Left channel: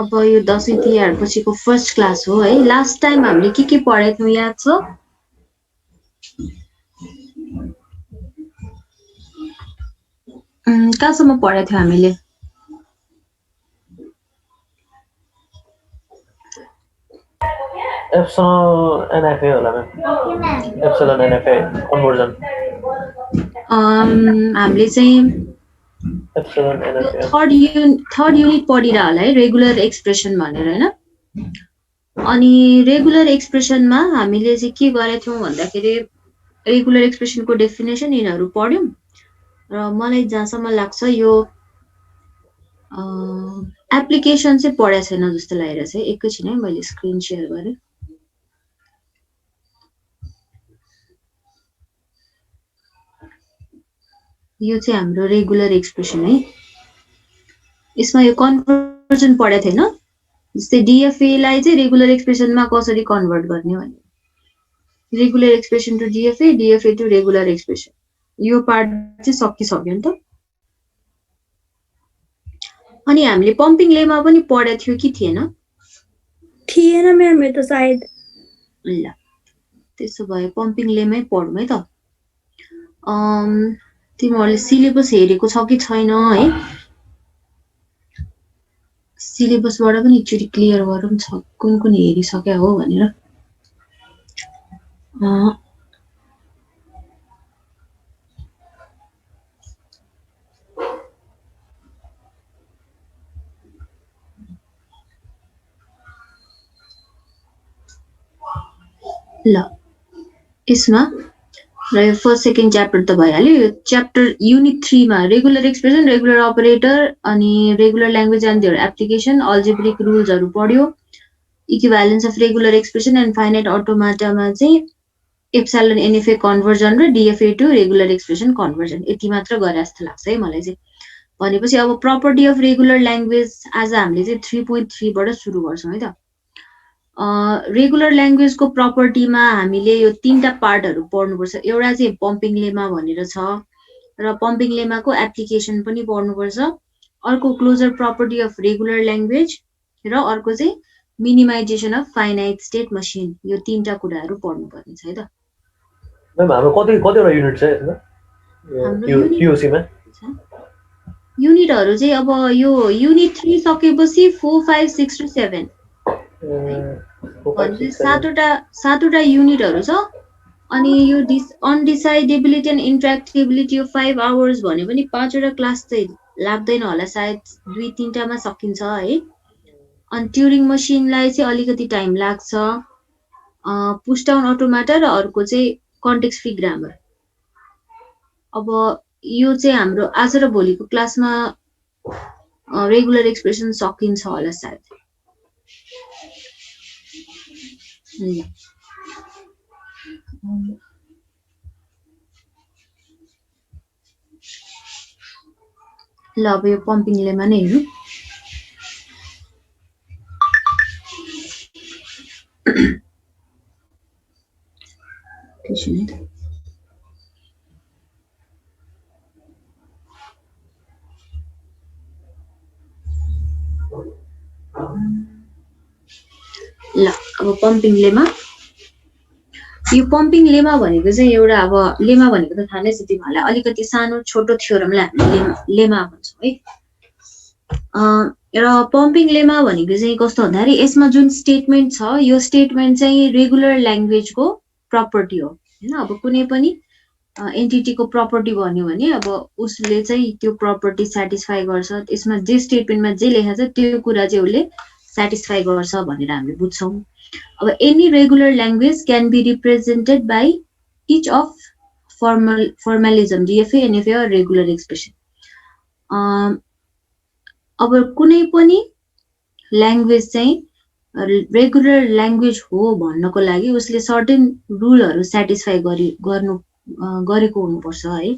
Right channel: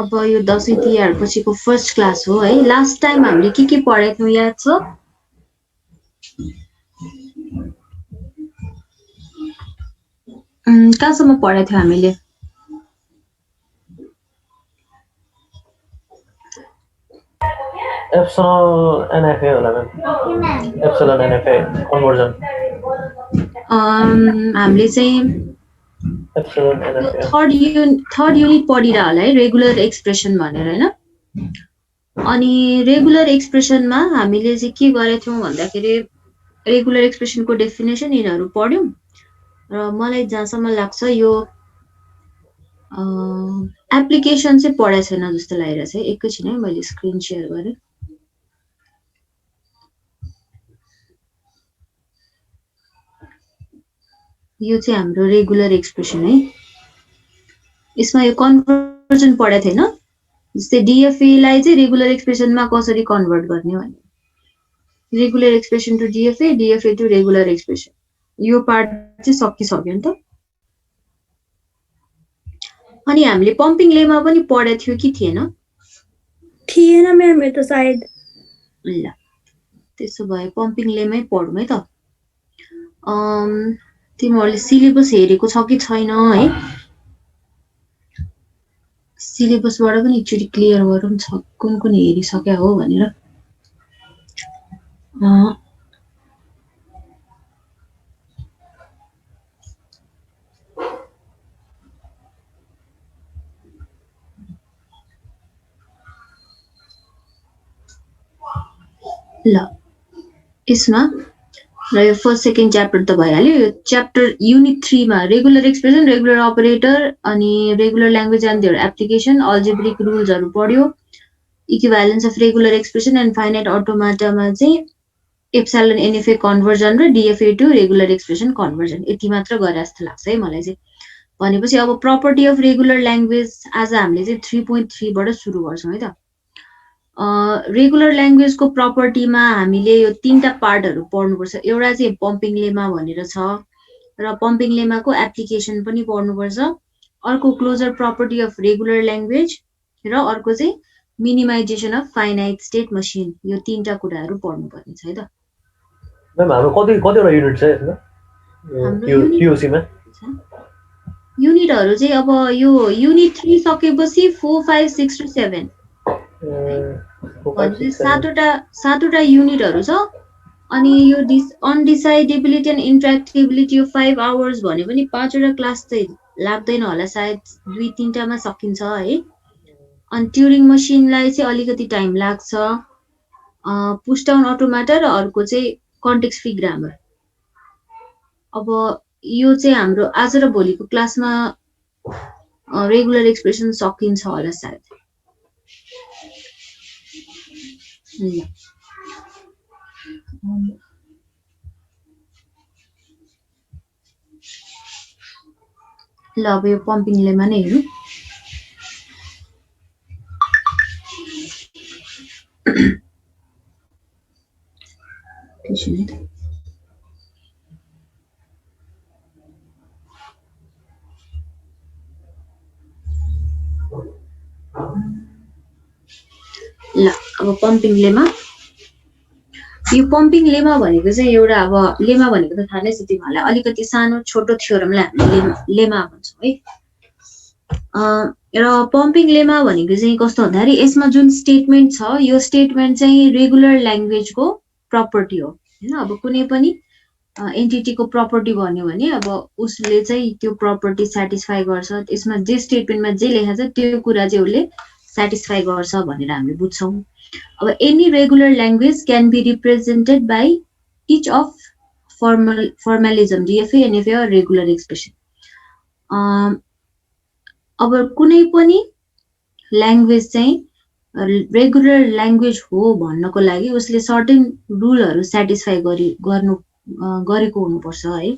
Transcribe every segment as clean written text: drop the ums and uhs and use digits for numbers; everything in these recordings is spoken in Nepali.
अब यो दशैं तिहार पछिको फर्स्ट क्लास हो है। लास्ट टाइम हामीले के पढेको थियौं याद छ? कहाँसम्म पढेको थियो हामीले? Epsilon NFA होला म्याम। Epsilon NFA conversion. हामीले चाहिँ Epsilon NFA थर्ड युनिट पढिरह होला है, रेगुलर एक्सप्रेसन भनेर हैन। अनि रेगुलर एक्सप्रेसनमा हामीले चाहिँ के गरेका थियौं भन्दाखेरि रेगुलर एक्सप्रेसनको डेफिनेसन यिनीहरू पढ्यौं र मलाई जहाँसम्म लाग्छ यो एप्लिकेसन चाहिँ पढाएको छैन जस्तो लागिरहेछ है। एकैछिन है, मैले स्क्रिन शेयर गरेँ। यो चाहिँ हाम्रो रेगुलर एक्सप्रेसन है। यसमा यो कन्भर्जन पढाएको थिएन, जस्तै डिएफए लाई चाहिँ रेगुलर एक्सप्रेसनमा कसरी कन्भर्ट गर्ने भन्ने। Regular expression to DFA, DFA to regular expression, यो पार्ट चाहिँ सकिसक्यो नि त। अनि हामीले पम्पिङ लेमा पनि पढेको थियो कि थिएन? थिएन म्याम, यो त सायद। ल त्यसो भए पम्पिङ लेमै पढौँ है त। तिमीहरूले सिलेबस हेरेको छ कि छैन है? सिलेबसबाट पनि एकचोटि क्लियर गरौँ छ कुन कुन हेरिसक्या हो भनेर। ल यसमा र यो फर्स्ट सेकेन्ड च्याप्टर त भइहाल्यो। यो च्याप्टर युनिट 3 मा रेगुलर एक्सप्रेसन, रेगुलर अपरेटर अनि regular language and their application, algebraic रुल्सहरु पढ्यो। Equivalence of regular expression and finite अटोमाटामा चाहिँ एप्सिलोन एनएफए कन्भर्जन र DFA to regular expression conversion, यति मात्र गरे जस्तो लाग्छ है मलाई चाहिँ। भनेपछि अब प्रपर्टी अफ रेगुलर ल्याङ्ग्वेज आज हामीले चाहिँ 3.3 बाट सुरु गर्छौं है त। रेगुलर ल्याङ्ग्वेजको प्रपर्टीमा हामीले यो 3टा पार्टहरु पढ्नुपर्छ। एउटा चाहिँ पम्पिङ लेमा भनेर छ र पम्पिङ लेमाको एप्लिकेसन पनि पढ्नुपर्छ। अर्को closure property of regular language र अर्को चाहिँ minimization of finite state machine, यो 3टा कुराहरु पढ्नुपर्ने छ है त। म्याम हाम्रो कतिवटा युनिट छ यसमा? POC मा युनिटहरु चाहिँ अब यो युनिट 3 सकेपछि 4, 5, 6 र 7 सातवटा युनिटहरु छ। अनि यो अनडिसाइडेबिलिटी एन्ड इन्ट्र्याक्टेबिलिटी अफ 5 आवर्स भने पनि 5वटा क्लास चाहिँ लाग्दैन होला, सायद 2-3टामा सकिन्छ है। अनि ट्युरिङ मसिनलाई चाहिँ अलिकति टाइम लाग्छ। पुश डाउन अटोमाटा र अर्को चाहिँ कन्टेक्स्ट फ्री ग्रामर। अब यो चाहिँ हाम्रो आज र भोलिको क्लासमा रेगुलर एक्सप्रेसन सकिन्छ होला सायद। ल अब यो पम्पिङ लेमा नै हेरौँ। ल अब पम्पिङ लेमा, यो पम्पिङ लेमा भनेको चाहिँ एउटा, अब लेमा भनेको त थाहा नै छ तिमीहरूलाई, अलिकति सानो छोटो थ्योरमलाई हामीले लेमा भन्छौँ है। र पम्पिङ लेमा भनेको चाहिँ कस्तो भन्दाखेरि यसमा जुन स्टेटमेन्ट छ यो स्टेटमेन्ट चाहिँ रेगुलर ल्याङ्ग्वेजको प्रपर्टी हो हैन। अब कुनै पनि एन्टिटीको प्रपर्टी भन्यो भने अब उसले चाहिँ त्यो प्रपर्टी सेटिस्फाई गर्छ। यसमा जे स्टेटमेन्टमा जे लेखेको छ त्यो कुरा चाहिँ उसले सेटिस्फाई गर्छ भनेर हामीले बुझ्छौँ। अब any regular language can be represented by each of formalism, DFA, NFA र रेगुलर एक्सप्रेसन। अब कुनै पनि ल्याङ्ग्वेज चाहिँ रेगुलर ल्याङ्ग्वेज हो भन्नको लागि उसले सर्टेन रुलहरु सेटिस्फाई गरेको हुनुपर्छ है।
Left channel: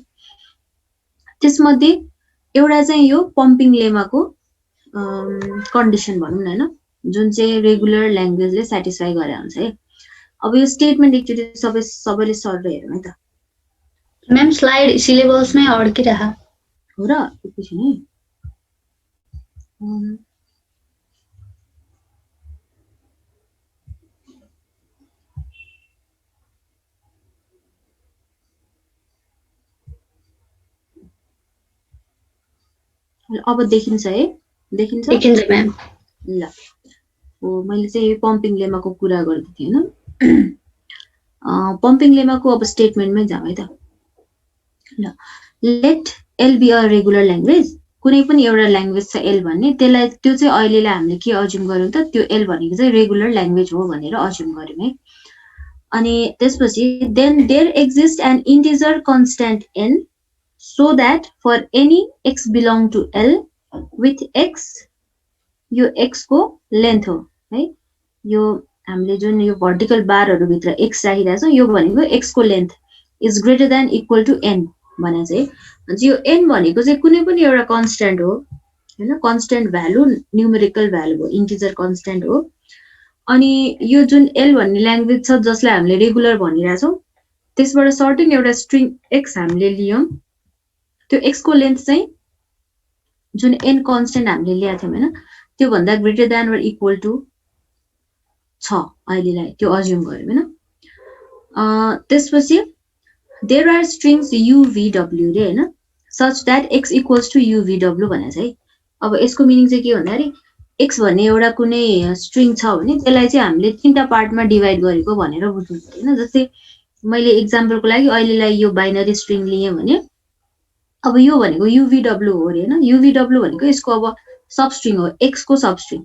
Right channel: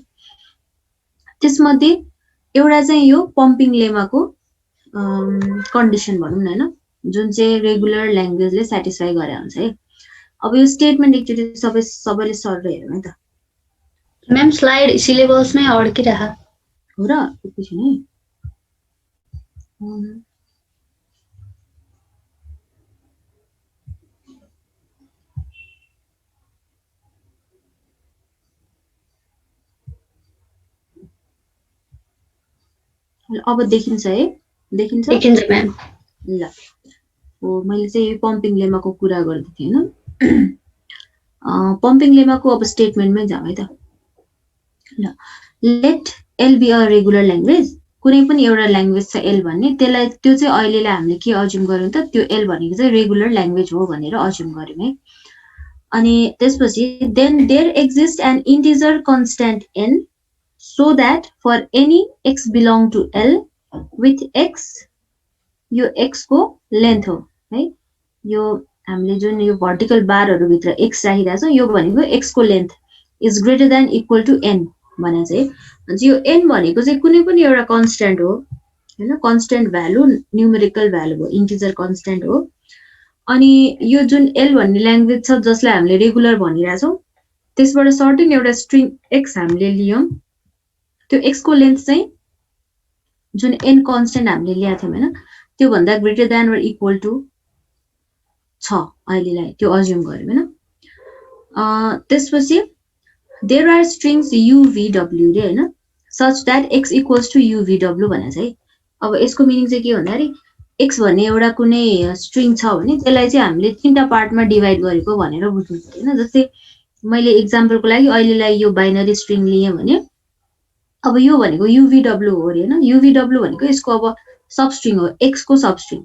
त्यसमध्ये एउटा चाहिँ यो पम्पिङ लेमाको कन्डिसन भनौँ न हैन, जुन चाहिँ रेगुलर ल्याङ्ग्वेजले सेटिस्फाई गरे हुन्छ है। अब यो स्टेटमेन्ट एकचोटि सबैले सर हेरौँ है त। म्याम स्लाइड सिलेबसमै अड्किरहा हो र, एकछिन है। अब देखिन्छ है, देखिन्छ देखिन्छ म्याम। ल हो मैले चाहिँ यो पम्पिङ लेमाको कुरा गर्दै थिएँ हैन। पम्पिङ लेमाको अब स्टेटमेन्टमै जाउँ है त। ल let L be a regular language, कुनै पनि एउटा ल्याङ्ग्वेज छ एल भन्ने, त्यसलाई त्यो चाहिँ अहिलेलाई हामीले के अज्युम गर्यौँ त, त्यो एल भनेको चाहिँ रेगुलर ल्याङ्ग्वेज हो भनेर अज्युम गर्यौँ है। अनि त्यसपछि then there exist an integer constant n so that for any x belong to L with x, यो x को लेन्थ हो है, यो हामीले जुन यो भर्टिकल बारहरु भित्र x राखिरहेको छौं यो भनेको x को length is greater than equal to n भने चाहिँ यो n भनेको चाहिँ कुनै पनि एउटा कन्स्ट्यान्ट हो हैन, कन्स्ट्यान्ट भ्यालु न्यूमेरिकल भ्यालु हो, इन्टिजर कन्स्ट्यान्ट हो। अनि यो जुन l भन्ने ल्याङ्ग्वेज छ जसलाई हामीले रेगुलर भनिरहेका छौं त्यसबाट सर्टेन एउटा स्ट्रिङ x हामीले लियौं, त्यो x को लेन्थ चाहिँ जुन n कन्स्टेन्ट हामीले लिएको थियौं हैन त्यो भन्दा greater than or equal to छ अहिलेलाई त्यो अज्युम गर्यौं हैन। त्यसपछि there are strings u v w रे हैन such that x equals to u v w भने चाहिँ अब यसको मिनिङ चाहिँ के भन्दाखेरि x भन्ने एउटा कुनै स्ट्रिङ छ भने त्यसलाई चाहिँ हामीले तीनटा पार्टमा डिभाइड गरेको भनेर बुझ्नु पर्यो हैन। जस्तै मैले एक्जाम्पलको लागि अहिलेलाई यो बाइनरी स्ट्रिङ लिए भने अब यो भनेको UVW हो रे हैन, UVW भनेको यसको अब सबस्ट्रिङ हो, x को सबस्ट्रिङ।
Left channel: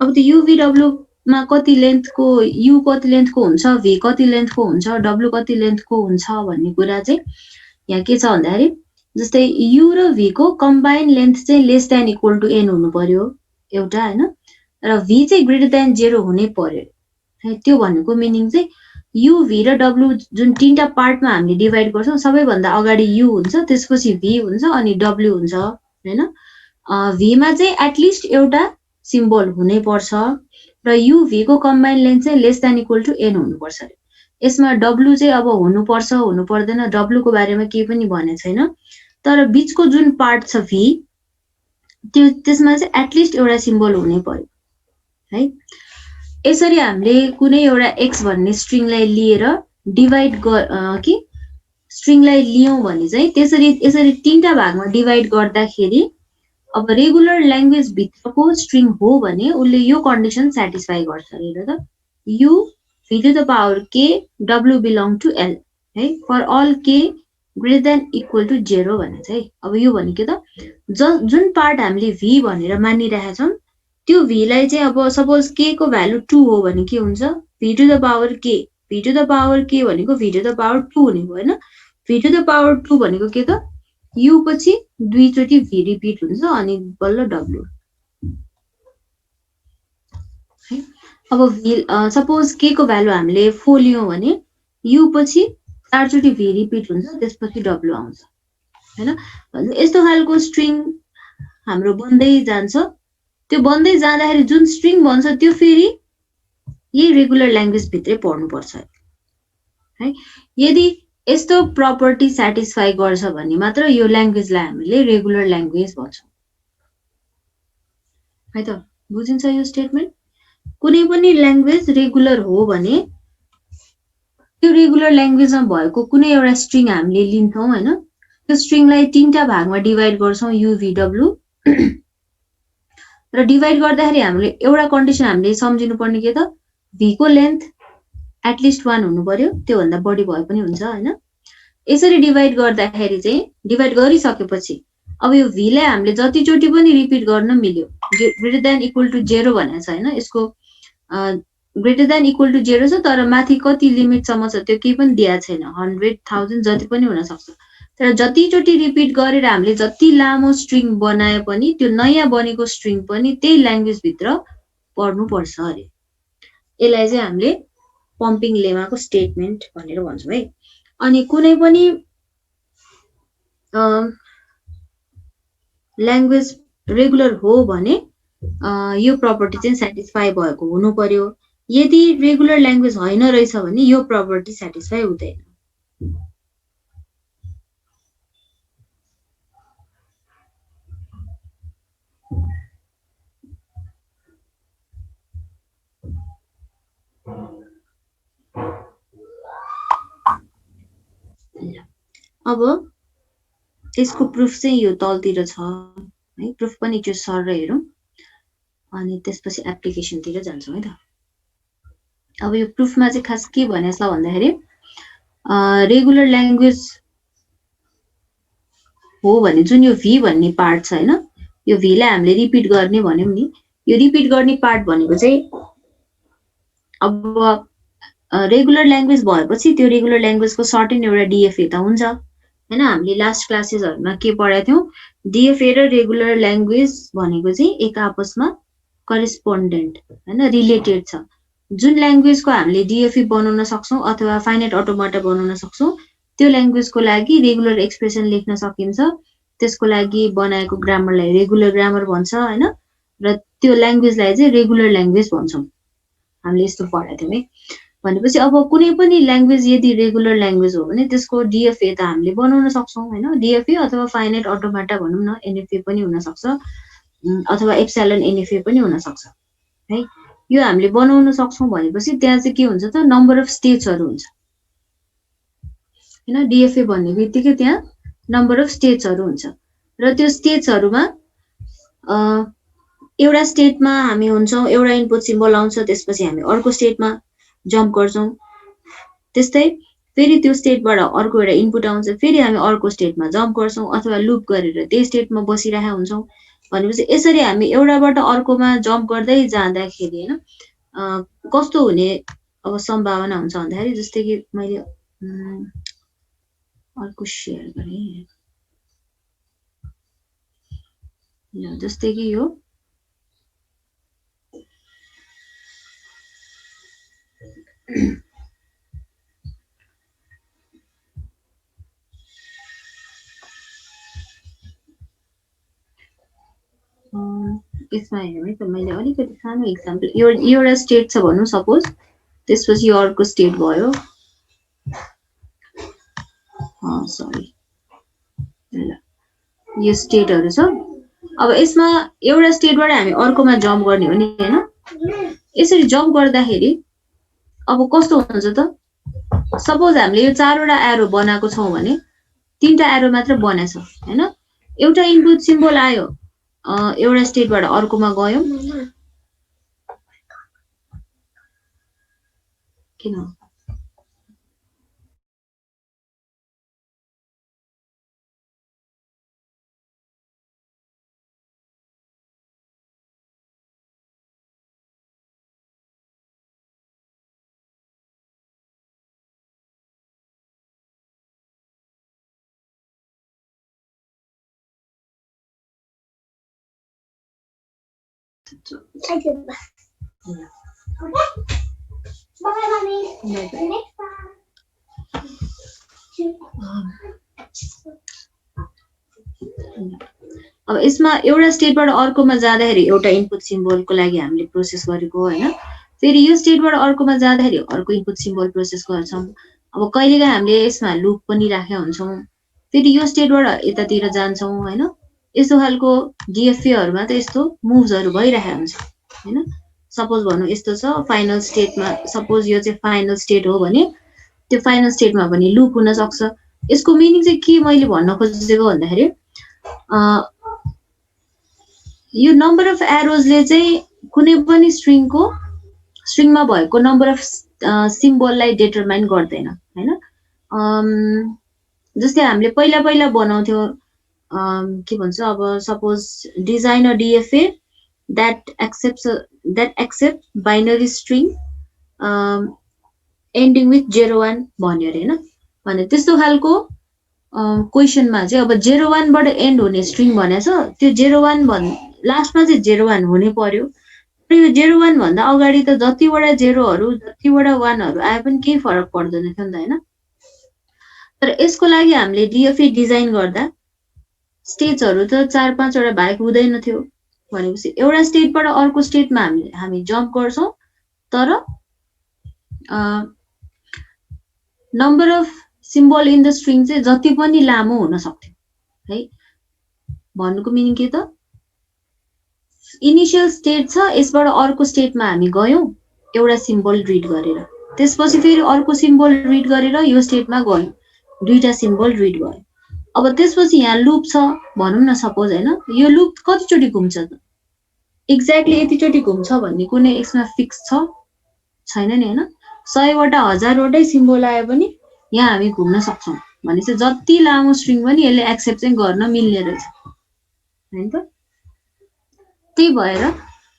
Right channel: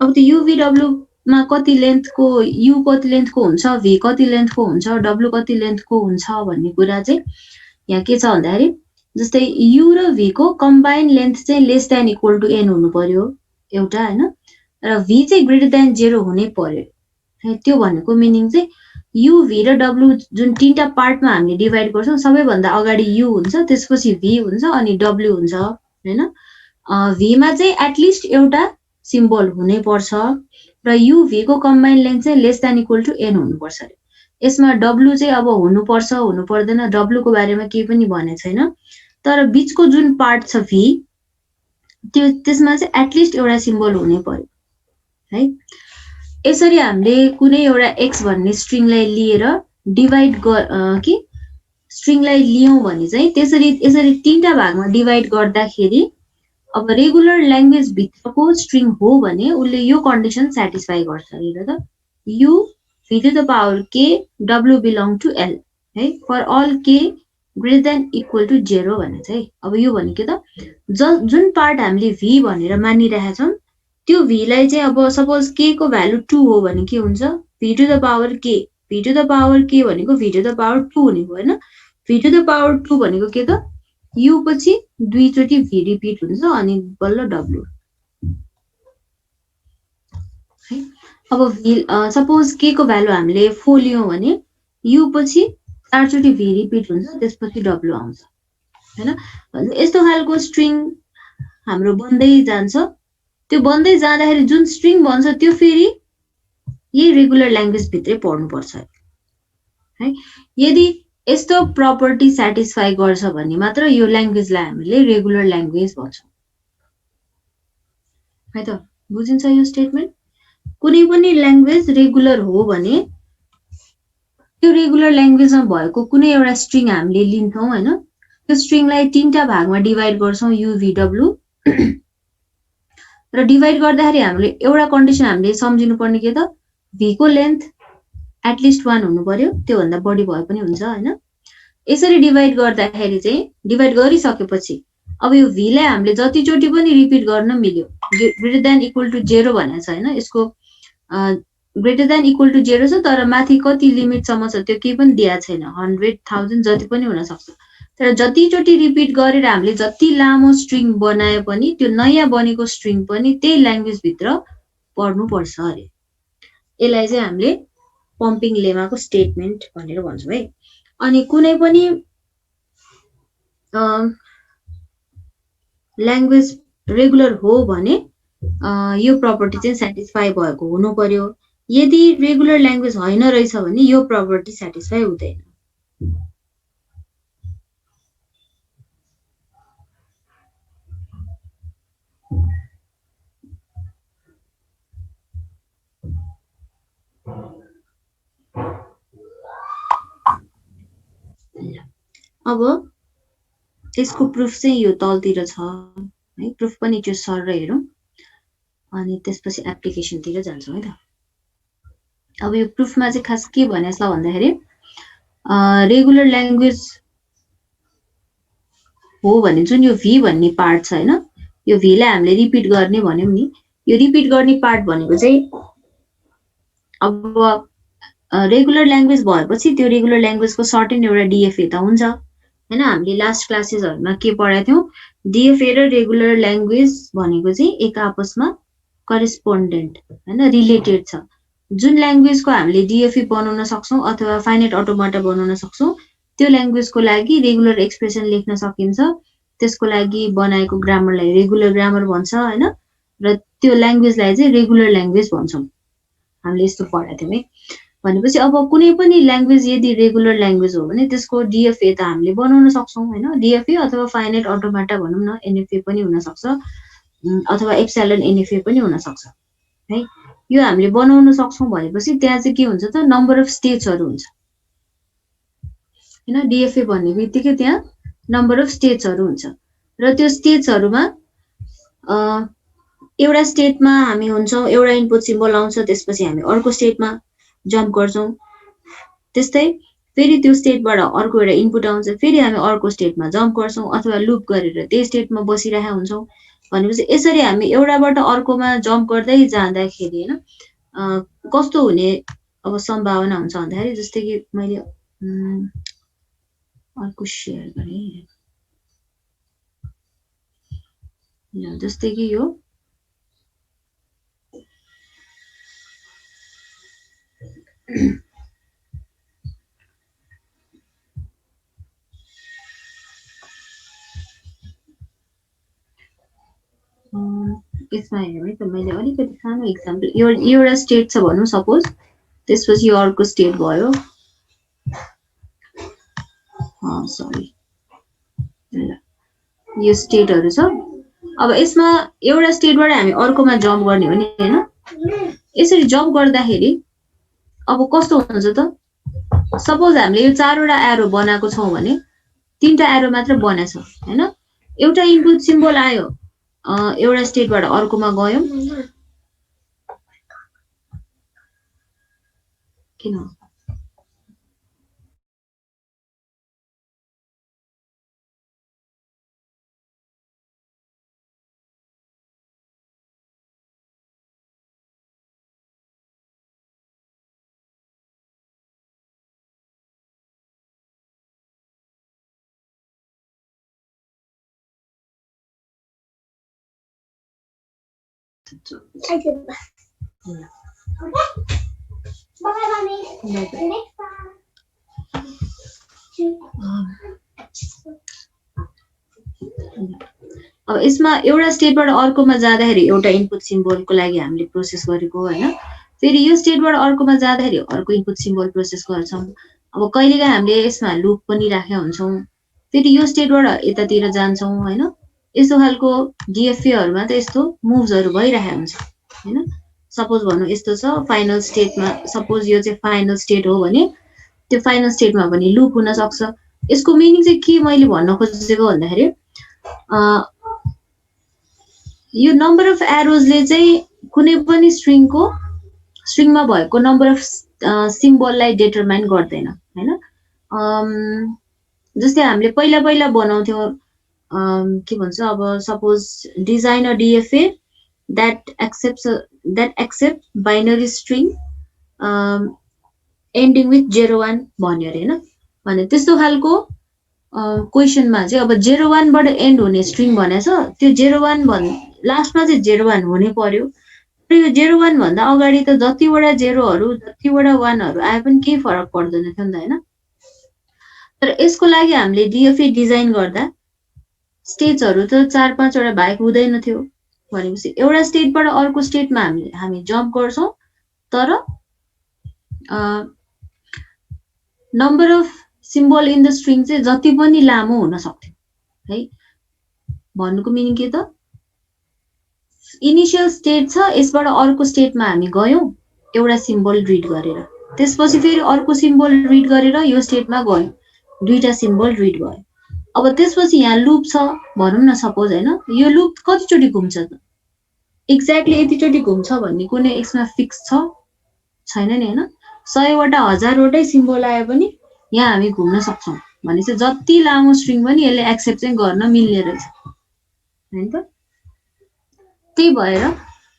अब त्यो UVW मा कति लेन्थको u कति लेन्थको हुन्छ, v कति लेन्थको हुन्छ, w कति लेन्थको हुन्छ भन्ने कुरा चाहिँ यहाँ के छ भन्दाखेरि जस्तै u र v को कम्बाइन लेन्थ चाहिँ less than equal to n हुनु पर्यो एउटा हैन, र v चाहिँ ग्रेटर देन 0 हुनै पर्यो है। त्यो भनेको मिनिङ चाहिँ u v र w जुन तीनटा पार्टमा हामीले डिभाइड गर्छौं सबैभन्दा अगाडि u हुन्छ त्यसपछि v हुन्छ अनि w हुन्छ हैन। v मा चाहिँ एटलिस्ट एउटा सिम्बल हुनै पर्छ र u v को कम्बाइन लेन्थ चाहिँ less than equal to n हुनु पर्छ। यसमा w चाहिँ अब हुनु पर्छ हुनु पर्दैन w को बारेमा केही पनि भने छैन, तर बीचको जुन पार्ट छ v त्यो त्यसमा चाहिँ एटलिस्ट एउटा सिम्बल हुनै पर्यो है। यसरी हामीले कुनै एउटा x भन्ने स्ट्रिङलाई लिएर डिभाइड कि स्ट्रिङलाई लियौं भने चाहिँ यसरी तीनटा भागमा डिभाइड गर्दाखेरि अब रेगुलर ल्याङ्ग्वेज भित्रको स्ट्रिङ हो भने उले यो कन्डिसन स्याटिस्फाई गर्छ हेर त, u v to the power k w belong to l है for all k greater than equal to 0 भने चाहिँ अब यो भनेको त जुन पार्ट हामीले v भनेर मानिरहेका छौं त्यो v लाई चाहिँ अब सपोज k को भ्यालु 2 हो भने के हुन्छ v to the power k, v to the power k भनेको v to the power 2 हुने भयो हैन। v to the power 2 भनेको के त u पछि दुई चोटी v रिपिट हुन्छ अनि बल्ल w है। अब v सपोज k को भ्यालु हामीले 4 लियौं भने u पछि 4 चोटी v रिपिट हुन्छ त्यसपछि w आउँछ हैन। यस्तो खालको स्ट्रिङ हाम्रो बन्दै जान्छ, त्यो बन्दै जाँदाखेरि जुन स्ट्रिङ बन्छ त्यो फेरि यही रेगुलर ल्याङ्ग्वेज भित्रै पढ्नु पर्छ है। यदि यस्तो प्रपर्टी स्याटिस्फाई गर्छ भने मात्र यो ल्याङ्ग्वेजलाई हामीले रेगुलर ल्याङ्ग्वेज भन्छौं है त। बुझिन्छ यो स्टेटमेन्ट? कुनै पनि ल्याङ्ग्वेज रेगुलर हो भने त्यो रेगुलर ल्याङ्ग्वेजमा भएको कुनै एउटा स्ट्रिङ हामीले लिन्छौं हैन, त्यो स्ट्रिङलाई तीनटा भागमा डिभाइड गर्छौं u v w र डिभाइड गर्दाखेरि हामीले एउटा कन्डिसन हामीले सम्झिनु पर्ने के त v को लेन्थ एटलिस्ट 1 हुनु पर्यो, त्यो भन्दा बढी भए पनि हुन्छ हैन। यसरी डिभाइड गर्दाखेरि चाहिँ डिभाइड गरिसकेपछि अब यो v लाई हामीले जति चोटी पनि रिपिट गर्न मिल्यो ग्रेटर देन इक्वल टु 0 भनेको छ हैन, यसको ग्रेटर देन इक्वल टु 0 छ तर माथि कति लिमिट सम्म छ त्यो केही पनि दिएको छैन, 100,000 जति पनि हुन सक्छ। तर जति चोटी रिपिट गरेर हामीले जति लामो स्ट्रिङ बनाए पनि त्यो नयाँ बनेको स्ट्रिङ पनि त्यही ल्याङ्ग्वेज भित्र पढ्नु पर्छ अरे। यसलाई चाहिँ हामीले पम्पिङ लेमाको स्टेटमेन्ट भनेर भन्छौं है। अनि कुनै पनि ल्याङ्ग्वेज रेगुलर हो भने यो प्रपर्टी चाहिँ स्याटिस्फाई भएको हुनु पर्यो, यदि रेगुलर ल्याङ्ग्वेज होइन रहेछ भने यो प्रपर्टी स्याटिस्फाई हुँदैन। अब यसको प्रुफ चाहिँ यो तलतिर छ है प्रुफ पनि एकचोटि सर हेरौँ अनि त्यसपछि एप्लिकेसनतिर जान्छौँ है त अब यो प्रुफमा चाहिँ खास के भनेछ भन्दाखेरि रेगुलर ल्याङ्ग्वेज हो भने जुन यो भी भन्ने पार्ट छ हैन यो भीलाई हामीले रिपिट गर्ने भन्यौं नि यो रिपिट गर्ने पार्ट भनेको चाहिँ अब रेगुलर ल्याङ्ग्वेज भएपछि त्यो रेगुलर ल्याङ्ग्वेजको सर्टेन एउटा डीएफए त हुन्छ हैन हामीले लास्ट क्लासेसहरुमा के पढाएको थियौं डीएफए र रेगुलर ल्याङ्ग्वेज भनेको चाहिँ एक आपसमा करेस्पोन्डेन्ट हैन रिलेटेड छ जुन ल्याङ्ग्वेजको हामीले डीएफए बनाउन सक्छौं अथवा फाइनाइट अटोमाटा बनाउन सक्छौं त्यो ल्याङ्ग्वेजको लागि रेगुलर एक्सप्रेसन लेख्न सकिन्छ त्यसको लागि बनाएको ग्रामरलाई रेगुलर ग्रामर भन्छ हैन र त्यो ल्याङ्ग्वेजलाई चाहिँ रेगुलर ल्याङ्ग्वेज भन्छौं हामीले यस्तो पढाएको थियौं है भनेपछि अब कुनै पनि ल्याङ्ग्वेज यदि रेगुलर ल्याङ्ग्वेज हो भने त्यसको डीएफए त हामीले बनाउन सक्छौं हैन डीएफए अथवा फाइनाइट अटोमाटा भनौं न एनएफए पनि हुन सक्छ अथवा एप्सिलन एनएफए पनि हुन सक्छ है यो हामीले बनाउन सक्छौं भनेपछि त्यहाँ चाहिँ के हुन्छ त नम्बर अफ स्टेट्सहरु हुन्छ हैन डीएफए भन्ने बित्तिकै त्यहाँ नम्बर अफ स्टेट्सहरु हुन्छ र त्यो स्टेट्सहरुमा एउटा स्टेटमा हामी हुन्छौं एउटा इनपुट सिम्बल आउँछ त्यसपछि हामी अर्को स्टेटमा जम्प गर्छौं त्यस्तै फेरि त्यो स्टेटबाट अर्को एउटा इनपुट आउँछ फेरि हामी अर्को स्टेटमा जम्प गर्छौं अथवा लुप गरेर त्यही स्टेटमा बसिरहेका हुन्छौं भनेपछि यसरी हामी एउटाबाट अर्कोमा जम्प गर्दै जाँदाखेरि हैन कस्तो हुने अब सम्भावना हुन्छ भन्दाखेरि जस्तै कि मैले अर्को शेयर गरे जस्तै कि यो यसमा हेरौँ है त मैले अलिकति सानो एक्जाम्पल यो एउटा स्टेट छ भन्नु सपोज त्यसपछि यो अर्को स्टेट भयो सरी ल यो स्टेटहरु छ अब यसमा एउटा स्टेटबाट हामी अर्कोमा जम्प गर्ने हो नि हैन यसरी जम्प गर्दाखेरि अब कस्तो हुन्छ त सपोज हामीले यो चारवटा एरो बनाएको छौं भने तीनटा एरो मात्र बनाएछ हैन एउटा इनपुट सिम्बल आयो एउटा स्टेटबाट अर्कोमा गयौं किन I did that. Yeah. Okay. Bye, mommy. Bye-bye. Next अब यसमा एउटा स्टेटबाट अर्कोमा जाँदाखेरि एउटा इनपुट सिम्बलको लागि हामीले प्रोसेस गरेको हैन फेरि यो स्टेटबाट अर्कोमा जाँदाखेरि अर्को इनपुट सिम्बल प्रोसेस गर्छौं अब कहिलेकाहीँ हामीले यसमा लुप पनि राखेका हुन्छौं फेरि यो स्टेटबाट यतातिर जान्छौं हैन यस्तो खालको डीएफए हरुमा त यस्तो मुभ्सहरु भइरहेको हुन्छ हैन सपोज भन्नु यस्तो छ फाइनल स्टेटमा सपोज यो चाहिँ फाइनल स्टेट हो भने त्यो फाइनल स्टेटमा पनि लुप हुन सक्छ यसको मिनिङ चाहिँ के मैले भन्न खोजेको भन्दाखेरि यो नम्बर अफ एरोजले चाहिँ कुनै पनि स्ट्रिङमा भएको नम्बर अफ सिम्बललाई डिटरमाइन गर्दैन हैन जस्तै हामीले पहिला बनाउँथ्यौ के भन्छ अब suppose design a DFA that accept binary string ending with 01 भन्यो रे हैन भने त्यस्तो खालको क्वेशनमा चाहिँ अब 01 बाट एन्ड हुने स्ट्रिङ भनेछ त्यो 01 लास्टमा चाहिँ 01 हुनै पर्यो र यो 01 भन्दा अगाडि त जतिवटा 0हरु जतिवटा 1हरु आए पनि केही फरक पर्दैन थियो नि त हैन तर यसको लागि हामीले डीएफए डिजाइन गर्दा स्टेट्सहरु त 4-5 वटा बाहेक हुँदैन थियो भनेपछि एउटा स्टेटबाट अर्को स्टेटमा हामी जम्प गर्छौं तर number of symbol in the string चाहिँ जति पनि लामो हुन सक्थ्यो है भन्नुको मिनिङ के त इनिशियल स्टेट छ यसबाट अर्को स्टेटमा हामी गयौं एउटा सिम्बल रिड गरेर त्यसपछि फेरि अर्को सिम्बल रिड गरेर यो स्टेटमा गयौं दुईटा सिम्बल रिड भयो अब त्यसपछि यहाँ लुप छ भनौँ न सपोज हैन यो लुप कतिचोटि घुम्छ त एक्ज्याक्टली यतिचोटि घुम्छ भन्ने कुनै यसमा फिक्स छैन नि हैन 100 वटा 1000 वटै सिम्बल आए पनि यहाँ हामी घुम्न सक्छौं भनेपछि जति लामो स्ट्रिङ पनि यसले एक्सेप्ट चाहिँ गर्न मिल्ने रहेछ हैन त त्यही भएर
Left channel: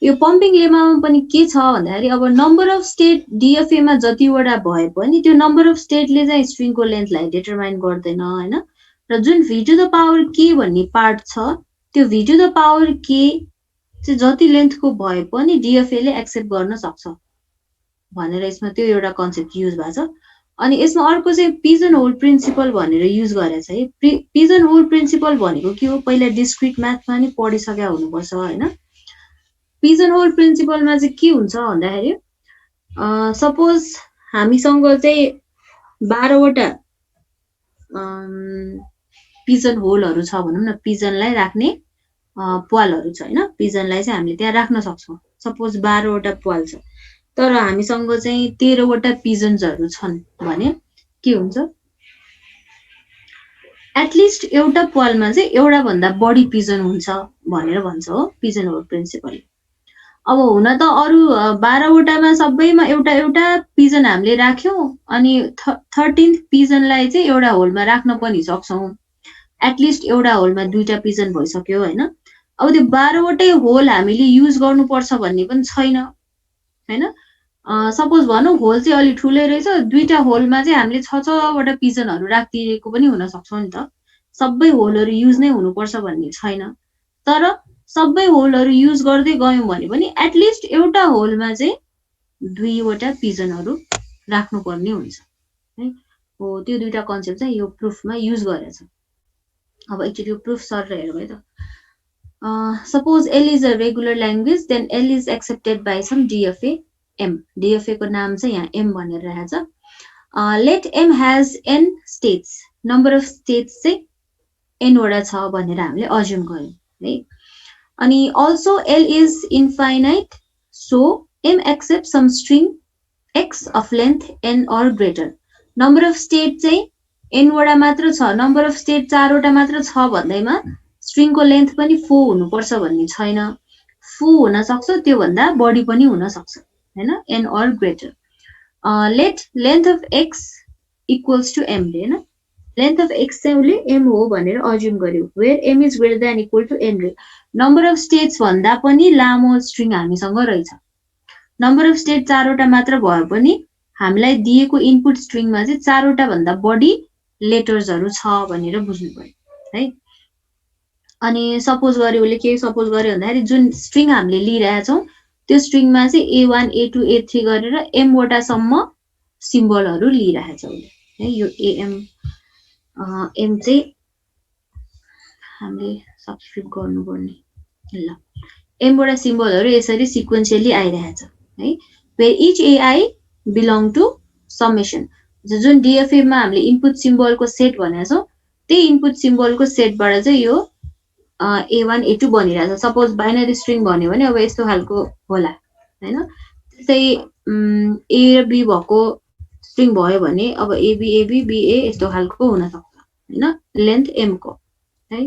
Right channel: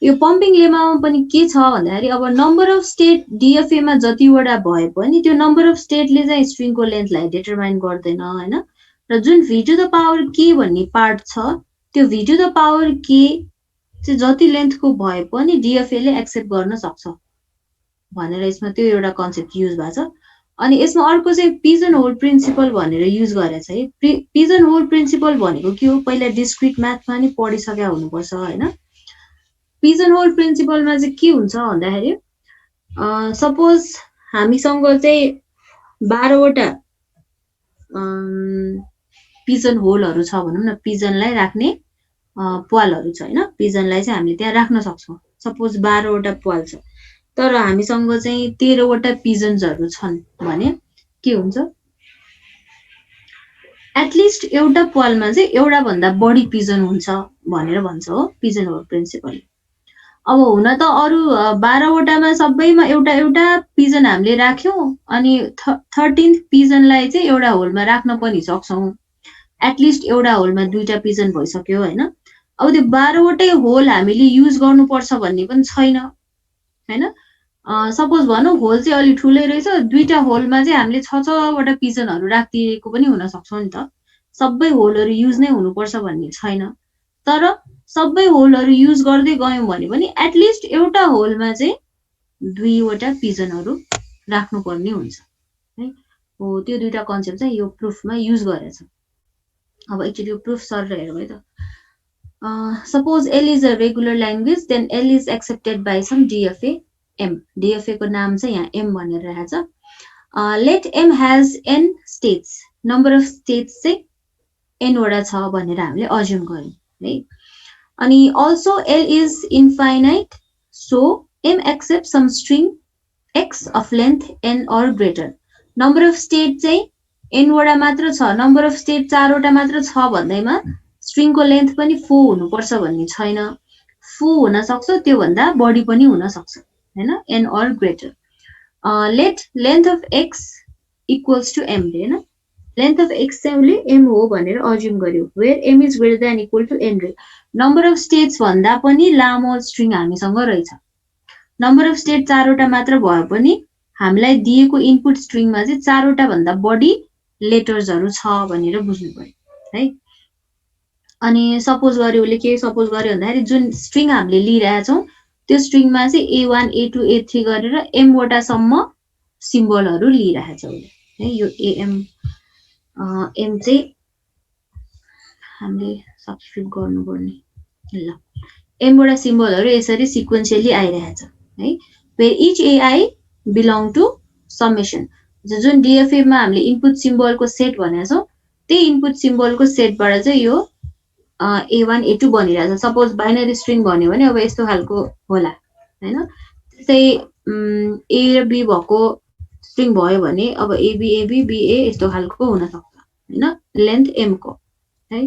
यो पम्पिङ लेमामा पनि के छ भन्दाखेरि अब नम्बर अफ स्टेट डीएफए मा जतिवटा भए पनि त्यो नम्बर अफ स्टेटले चाहिँ स्ट्रिङको लेन्थलाई डिटरमाइन गर्दैन हैन र जुन v to the power k भन्ने पार्ट छ त्यो v to the power k चाहिँ जति लेन्थको भए पनि डीएफए ले एक्सेप्ट गर्न सक्छ भनेर यसमा त्यो एउटा कन्सेप्ट युज भएको छ अनि यसमा अर्को चाहिँ पिजन होल प्रिन्सिपल भनेर युज गरेछ है पिजन होल प्रिन्सिपल भनेको के हो पहिला डिस्क्रिट म्याथमा नि पढिसक्या हुनुपर्छ हैन पिजन होल प्रिन्सिपलमा चाहिँ के हुन्छ भन्दाखेरि सपोज हामीसँग चाहिँ 12 वटा पिजन होलहरु छ भनौं न पिजनलाई राख्ने प्वालहरु छ हैन पिजनलाई चाहिँ हामीले त्यहाँ राख्न सक्छौं सपोज 12 वटा प्वाल छ तर हामीसँग चाहिँ 13 वटा पिजन्सहरु छन् भने के हुन्छ एटलिस्ट एउटा प्वालमा चाहिँ एउटा भन्दा बढी पिजन हुन्छ भनेर भन्छ हो पिजन होल प्रिन्सिपल अब हुन त अरु 12 वटामा सबैमा एउटा एउटा पिजन हामीले राख्यौं अनि 13th पिजनलाई चाहिँ एउटा होलमा राख्न पनि सक्छौं एटलिस्ट एउटा होलमा दुईटा पिजन भइसक्यो हैन अब त्यो 12 वटै होल हामीले युज गर्नुपर्छ भन्ने पनि छैन हैन सपोज भनौं होल चाहिँ अलि ठुलै रहेछ दुईटा होलमा चाहिँ हामीले 6 वटा पिजनहरु राख्दिएको पनि हुन सक्छौं नि त सबै होलहरु युज नै हुनुपर्छ भन्ने छैन तर सबै होलहरु युज गर्दै गयौं भने पनि एटलिस्ट एउटा होलमा चाहिँ 2 वटा पिजनहरु राख्नु पर्ने हुन्छ है हो त्यो दुईटा कन्सेप्ट चाहिँ यो प्रुफमा युज गरेछ अब एकचोटी यो प्रुफ सर हेरौँ है त suppose L is a regular language then L is accepted by some DFA M DFA को नाम चाहिँ यहाँ M भनेर राखेको छ let M has n states number of states चाहिँ n वटा छ भनेर हामीले अज्युम गर्यौं है अनि also L is infinite so M accepts some string x of length n or greater number of state चाहिँ n वटा मात्र छ नम्बर अफ स्टेट 4 वटा मात्र छ भन्दैमा स्ट्रिङको लेन्थ पनि 4 हुनुपर्छ भन्ने छैन 4 हुन सक्छ त्यो भन्दा बढी पनि हुन सक्छ हैन n or greater let length of x equals to m हैन length of x चाहिँ उले m हो भनेर अज्युम गर्यो where m is greater than equal to n number of states भन्दा पनि लामो स्ट्रिङ हामीसँग रहेछ नम्बर अफ स्टेट 4 वटा मात्र भए पनि हामीलाई दिएको इनपुट स्ट्रिङमा चाहिँ 4 वटा भन्दा बढी लेटर्सहरु छ भनेर बुझ्नु पर्यो है अनि सपोज गर्यो उले के सपोज गर्यो भन्दाखेरि जुन स्ट्रिङ हामीले लिइरहेका छौं त्यो स्ट्रिङमा चाहिँ A1 A2 A3 गरेर m वटा सम्म सिम्बलहरु लिइरहेका छ उले है यो am m चाहिँ हामीले सब्स्टिट्युट गर्नुपर्ने ल m वटा सिम्बलहरु यसरी सिक्वेन्शियली आइरहेको छ है where each ai belong to summation जुन डीएफए मा हामीले इनपुट सिम्बलको सेट भनेको छौं त्यही इनपुट सिम्बलको सेटबाट चाहिँ यो A1 A2 बनिरहेछ suppose binary string भन्यो भने अब यस्तो खालको होला हैन त्यसै A र B भएको स्ट्रिङ भयो भने अब AB AB BA यस्तो खालको हुन सक्छ हैन लेन्थ m को है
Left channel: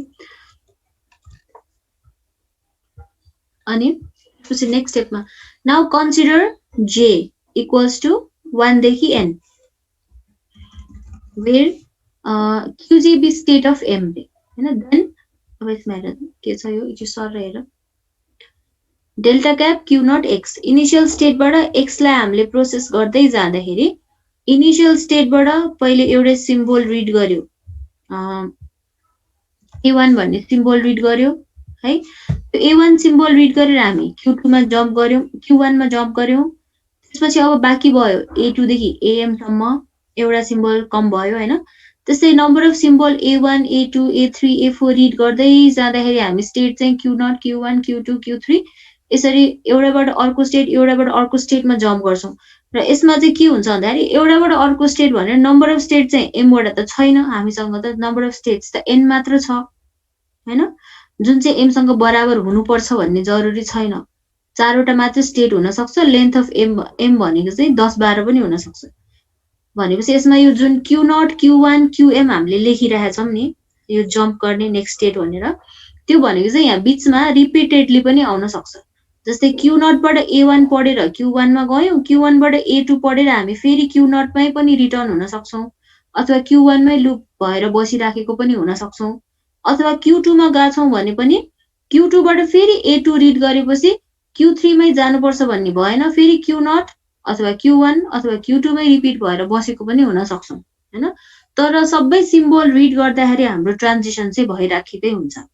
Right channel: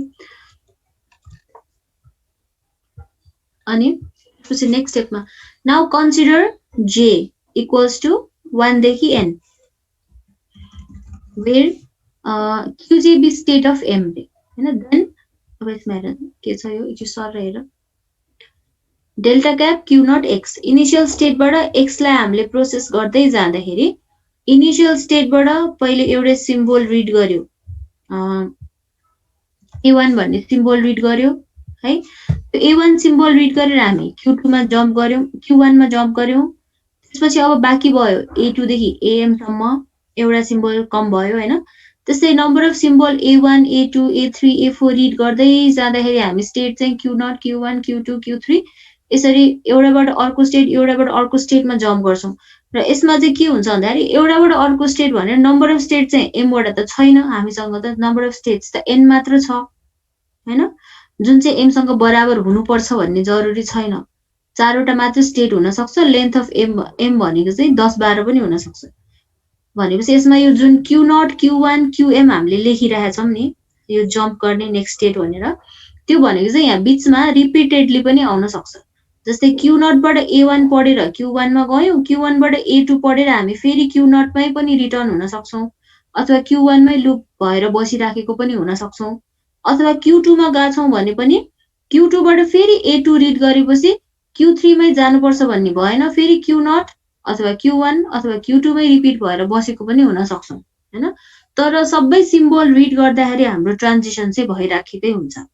अनि त्यसपछि नेक्स्ट स्टेपमा now consider j equals to 1 देखि n where qj be state of m हैन then अब यसमा हेर के छ यो इजु सर हेर delta cap q not x initial स्टेटबाट x लाई हामीले प्रोसेस गर्दै जाँदाखेरि इनिशियल स्टेटबाट पहिले एउटा सिम्बल रिड गर्यो a1 भन्ने सिम्बल रिड गर्यो है त्यो a1 सिम्बल रिड गरेर हामी q2 मा जम्प गर्यौं q1 मा जम्प गर्यौं त्यसपछि अब बाँकी भयो a2 देखि am सम्म एउटा सिम्बल कम भयो हैन त्यसै number of symbol a1 a2 a3 a4 read गर्दै जाँदाखेरि हामी स्टेट चाहिँ q not q1 q2 q3 यसरी एउटाबाट अर्को स्टेटमा जम्प गर्छौं र यसमा चाहिँ के हुन्छ भन्दाखेरि एउटाबाट अर्को स्टेट भनेर नम्बर अफ स्टेट चाहिँ m वटा त छैन हामीसँग त नम्बर अफ स्टेट्स त n मात्र छ हैन जुन चाहिँ m सँग बराबर हुनुपर्छ भन्ने जरुरी छैन 4 वटा मात्र स्टेट हुन सक्छ लेन्थ अफ m भनेको चाहिँ 10 12 पनि हुन सक्छ भनेपछि यसमा यो जुन q नट q1 qm हामीले लेखिरहेका छौं नि यो जम्प गर्ने नेक्स्ट स्टेट भनेर त्यो भनेको चाहिँ यहाँ बिचमा रिपिटेडली पनि आउन सक्छ जस्तै क्यू नटबाट A1 पढेर Q1 मा गयौं Q1 बाट A2 पढेर हामी फेरि Q नटमै पनि रिटर्न हुन सक्छौं अथवा Q1 मै लुप भएर बसिराखेको पनि हुन सक्छौं अथवा Q2 मा गछौं भने पनि Q2 बाट फेरि A2 रिड गरेपछि Q3 मै जानुपर्छ भन्ने भएन फेरि Q नट अथवा Q1 अथवा Q2 मै रिपिट भएर बसेको पनि हुन सक्छौं हैन तर सबै सिम्बल रिड गर्दाखेरि हाम्रो ट्रान्जिसन चाहिँ भइराखेकै हुन्छ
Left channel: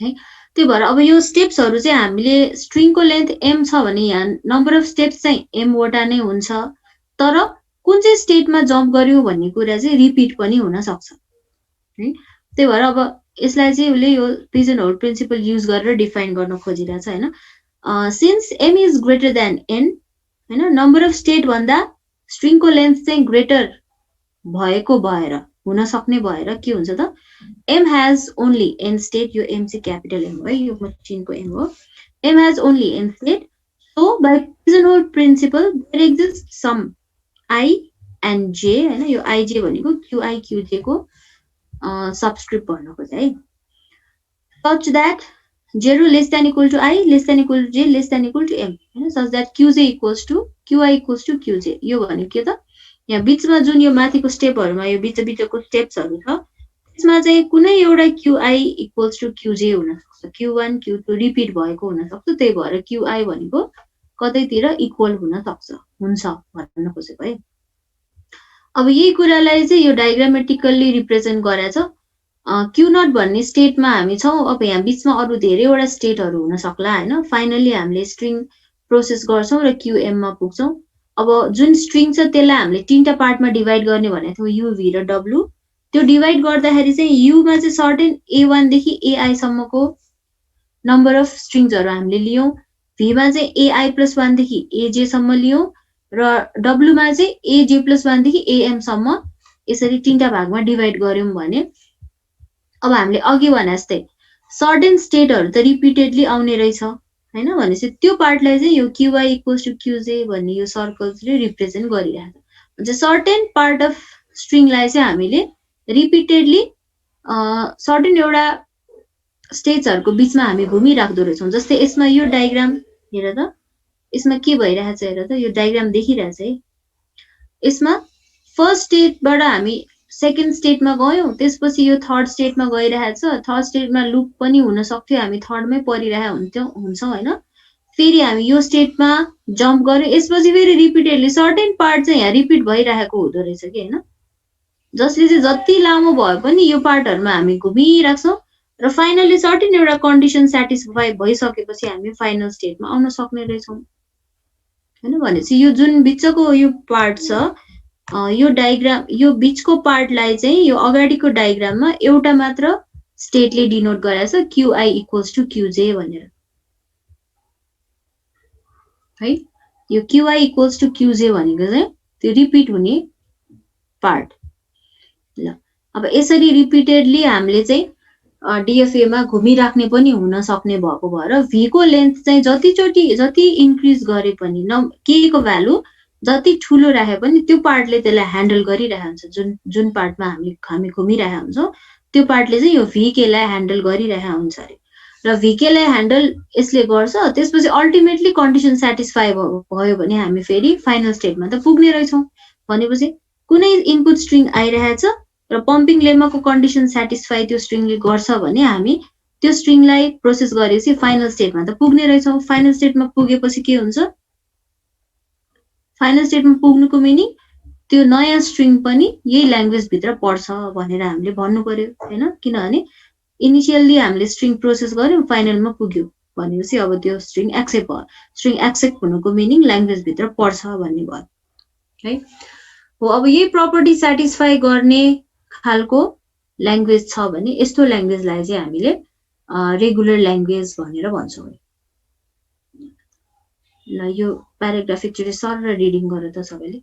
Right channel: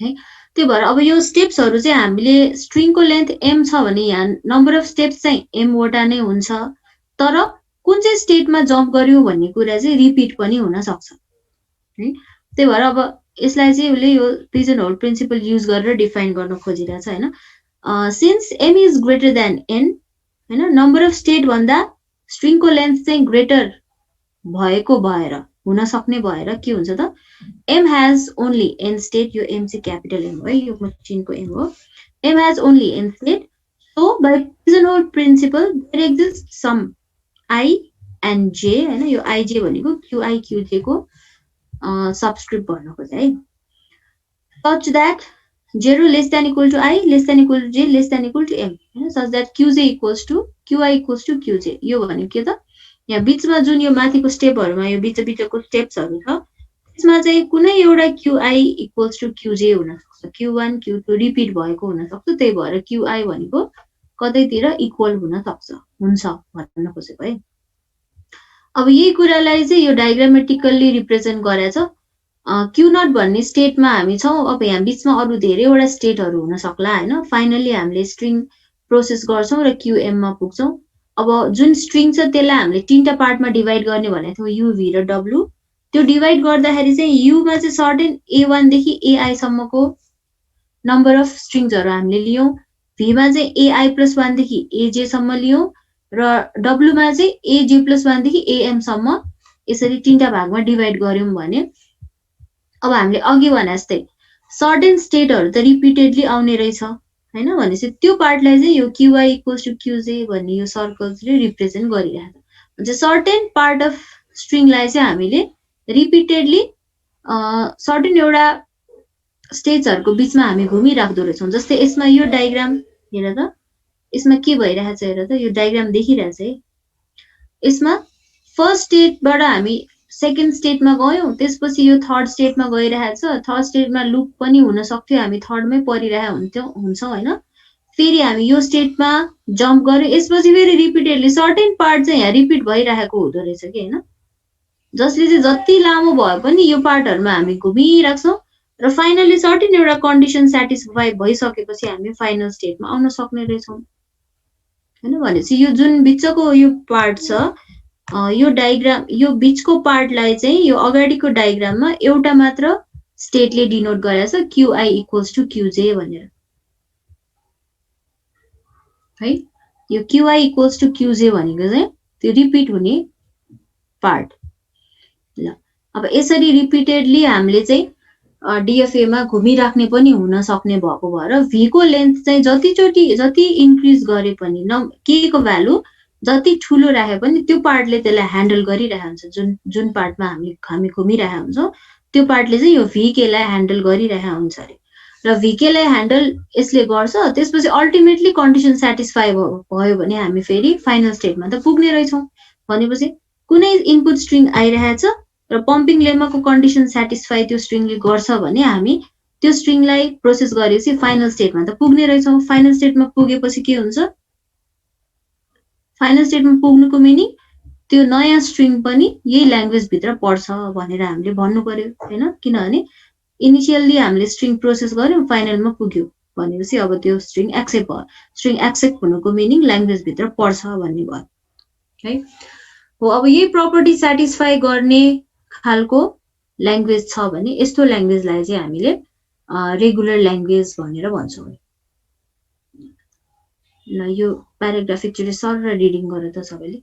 है त्यो भएर अब यो स्टेप्सहरु चाहिँ हामीले स्ट्रिङको लेन्थ m छ भने यहाँ नम्बर अफ स्टेप्स चाहिँ m वटा नै हुन्छ तर कुन चाहिँ स्टेटमा जम्प गर्यो भन्ने कुरा चाहिँ रिपिट पनि हुन सक्छ है त्यही भएर अब यसलाई चाहिँ उले यो पिजन होल प्रिन्सिपल युज गरेर डिफाइन गर्न खोजिरहेछ हैन since m is greater then n हैन नम्बर अफ स्टेट भन्दा स्ट्रिङको लेन्थ चाहिँ ग्रेटर भएको भएर हुन सक्ने भएर के हुन्छ त m has only n state यो m चाहिँ क्यापिटल m है यो मचिनको m हो m has only n state so by Pigeonhole principle there exists some I and j हैन यो ij भनेको qi qj को सबस्क्रिप्ट भन्न खोजे है such that 0 less than equal to I less than equal to j less than equal to m हैन such that qj equals to qi equals to qj यो भनेको के त यहाँ बीचमा जुन यो माथिको स्टेपहरुमा यो बीचको स्टेप्सहरु छ त्यसमा चाहिँ कुनै एउटा qi इक्वल्स टु qj हुन सक्छ q1 q2 रिपिट भएको हुन सक्छ त्यही भएर qi भनेको कतैतिर इक्वल हुन सक्छ हुन्छ भन्न खोजेको है अब यही कुरालाई चाहिँ यो डायग्रामेटिकल्ली रिप्रेजेन्ट गरेछ q नट भन्ने स्टेटमा हामी छौं अब यहाँ बीचमा अरु धेरैवटा स्टेटहरु हुन सक्ला हैन फाइनली हामीले स्ट्रिङ प्रोसेस गर्छौं र qm मा पुग्छौं अब जुन स्ट्रिङ छ त्यसलाई हामीले तीनटा पार्टमा डिभाइड गर्ने भनेको थियो u v र w त्यो डिभाइड गर्दाखेरि चाहिँ u मा चाहिँ सर्टेन a1 देखि ai सम्मको नम्बर अफ स्ट्रिङ्सहरु हामीले लियौं v मा चाहिँ ai+1 देखि aj सम्म लियौं र w मा चाहिँ aj+1 देखि am सम्म यसरी तीनटा भागमा डिभाइड गर्यौं भने अब हामीले अघि भने जस्तै सर्टेन स्टेटहरु त रिपिटेडली आउने रहेछ हैन भनेपछि त्यो पार्टलाई चाहिँ यो qi इक्वल्स टु qj भन्ने यो सर्कल्सले रिप्रेजेन्ट गरिरहेछ हुन्छ सर्टेन पार्ट अफ स्ट्रिङलाई चाहिँ हामीले रिपिटेडली सर्टेन एउटा स्टेट्सहरुको बीचमा हामी घुमिराख्दो रहेछौं जस्तै यसमा यो डायग्राम हेर त यसमा के भइरहेछ हेर त यो डायग्राम देखिरहेछ है यसमा फर्स्ट स्टेटबाट हामी सेकेन्ड स्टेटमा गयौं त्यसपछि यो थर्ड स्टेटमा गइरहेछ थर्ड स्टेटमा लुप पनि हुन सक्थ्यो हामी थर्डमै परिरहेको हुन्छौं हैन फेरि हामी यो स्टेटमा जम्प गर्यो यसपछि फेरि रिपिटेडली सर्टेन पार्ट चाहिँ यहाँ रिपिट भइरहेको हुँदो रहेछ के हैन जसले चाहिँ जति लामो भए पनि यो पार्टहरुमा हामी घुमिराख्छौं र फाइनली सर्टेन एउटा कन्डिसन स्याटिस्फाई भइसकेपछि हामी फाइनल स्टेटमा आउन सक्ने रहेछौं हैन भनेपछि यो जुन बीचको यो पार्ट छ यो डायग्राम यो बीचको पार्टलाई चाहिँ यो अगाडिको डायग्राममा एउटा मात्र स्टेटले डिनोट गरेछ qi इक्वल्स टु qj भनेर है यो qi इक्वल्स टु qj भनेको चाहिँ त्यो रिपिट हुने पार्ट ल अब यसरी रिपिटेडली हामीले चाहिँ डीएफए मा घुमिराख्ने पनि हुन सक्ने भएको भएर v को लेन्थ चाहिँ जति इन्क्रिज गरे पनि k को भ्यालु जति ठूलो राखे पनि त्यो पार्टले त्यसलाई ह्यान्डल गरिरहेको हुन्छ जुन पार्टमा हामी घुमिरहेका हुन्छौं त्यो पार्टले चाहिँ यो vk लाई ह्यान्डल गरिरहेको हुन्छ अरे र vk लाई ह्यान्डल यसले गर्छ त्यसपछि अल्टिमेटली कन्डिसन स्याटिस्फाई भयो भने हामी फेरि फाइनल स्टेटमा त पुग्ने रहेछौं भनेपछि कुनै इनपुट स्ट्रिङ आइरहेछ र पम्पिङ लेमाको कन्डिसन स्याटिस्फाई त्यो स्ट्रिङले गर्छ भने हामी त्यो स्ट्रिङलाई प्रोसेस गरेपछि फाइनल स्टेटमा त पुग्ने रहेछौं फाइनल स्टेटमा पुगेपछि के हुन्छ फाइनल स्टेटमा पुग्नुको मिनिङ त्यो नयाँ स्ट्रिङ पनि यही ल्याङ्ग्वेज भित्र पर्छ भनेर हामीले भन्नु पर्यो हैन किनभने इनिशियली हामीले स्ट्रिङ प्रोसेस गर्यौं फाइनलमा पुग्यो भनेपछि अब त्यो स्ट्रिङ एक्सेप्ट भयो स्ट्रिङ एक्सेप्ट हुनुको मिनिङ ल्याङ्ग्वेज भित्र पर्छ भन्ने भयो है हो अब यही प्रपर्टी स्याटिस्फाई गर्ने खालको ल्याङ्ग्वेज छ भने यस्तो ल्याङ्ग्वेजलाई चाहिँ हामीले रेगुलर ल्याङ्ग्वेज भनेर भन्छौं ल यो प्याराग्राफ एकचोटी सरर रिडिङ गरे त सबैले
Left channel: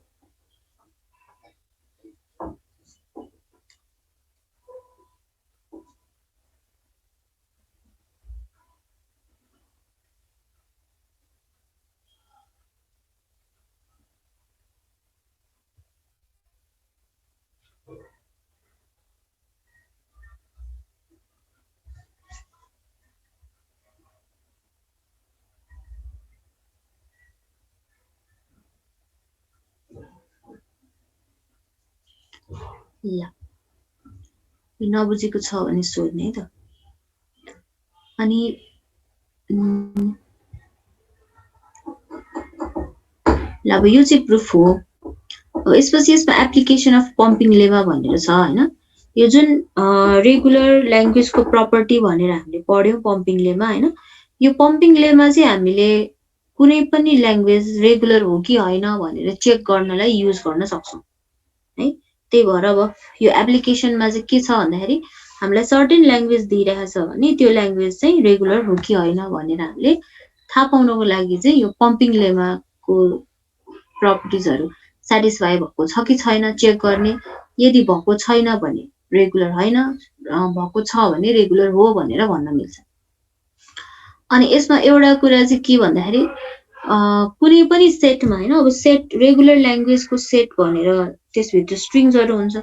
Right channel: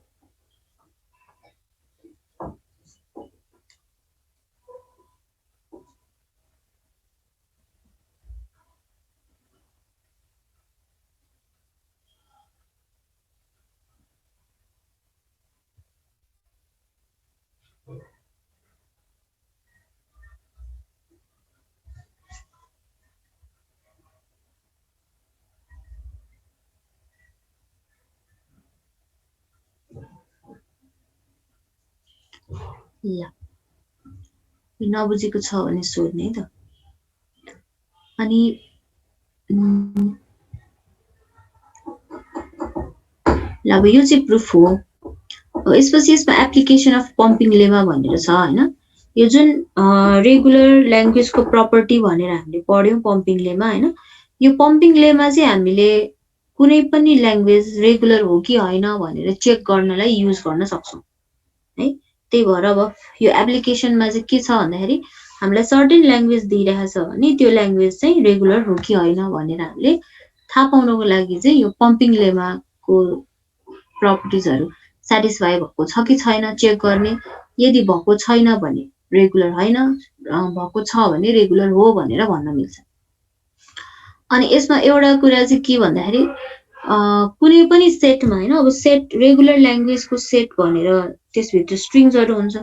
ल नबुझेको छ भने सोध्ने है त। अनि ल अब यो चाहिँ प्रुफ हो। अब यसपछि यसमा एप्लिकेसन अफ पम्पिङ लेमा भनेर छ हैन। यो जुन रेगुलर ल्याङ्ग्वेजको प्रपर्टी भनेर हामीले पढ्यौं पम्पिङ लेमा हैन। यो पम्पिङ लेमा चाहिँ हामीले कुनै पनि ल्याङ्ग्वेज रेगुलर हो कि होइन भनेर चेक गर्नलाई युज गर्न सक्छौं है। त्यही भएर अब यो एप्लिकेसनमा चाहिँ के छ भन्दाखेरि हामीलाई सर्टेन ल्याङ्ग्वेज दिइरहेको छ भने त्यो ल्याङ्ग्वेज चाहिँ रेगुलर हो कि होइन भनेर हामीले थाहा पाउनको लागि चाहिँ यो पम्पिङ लेमाको प्रपर्टिजहरू सेटिस्फाई भएको छ कि छैन चेक गर्ने। यदि भएको छैन भने रेगुलर होइन, भएको छ भने रेगुलर हो भनेर भन्न मिल्छ। अनि यसमा एउटा कुरा चाहिँ के भन्दाखेरि कुनै पनि सेटमा हैन, अब सेट रेगुलर ल्याङ्ग्वेजको सेट भनेर त्यसभित्र स्ट्रिङ्सहरू हुन्छ।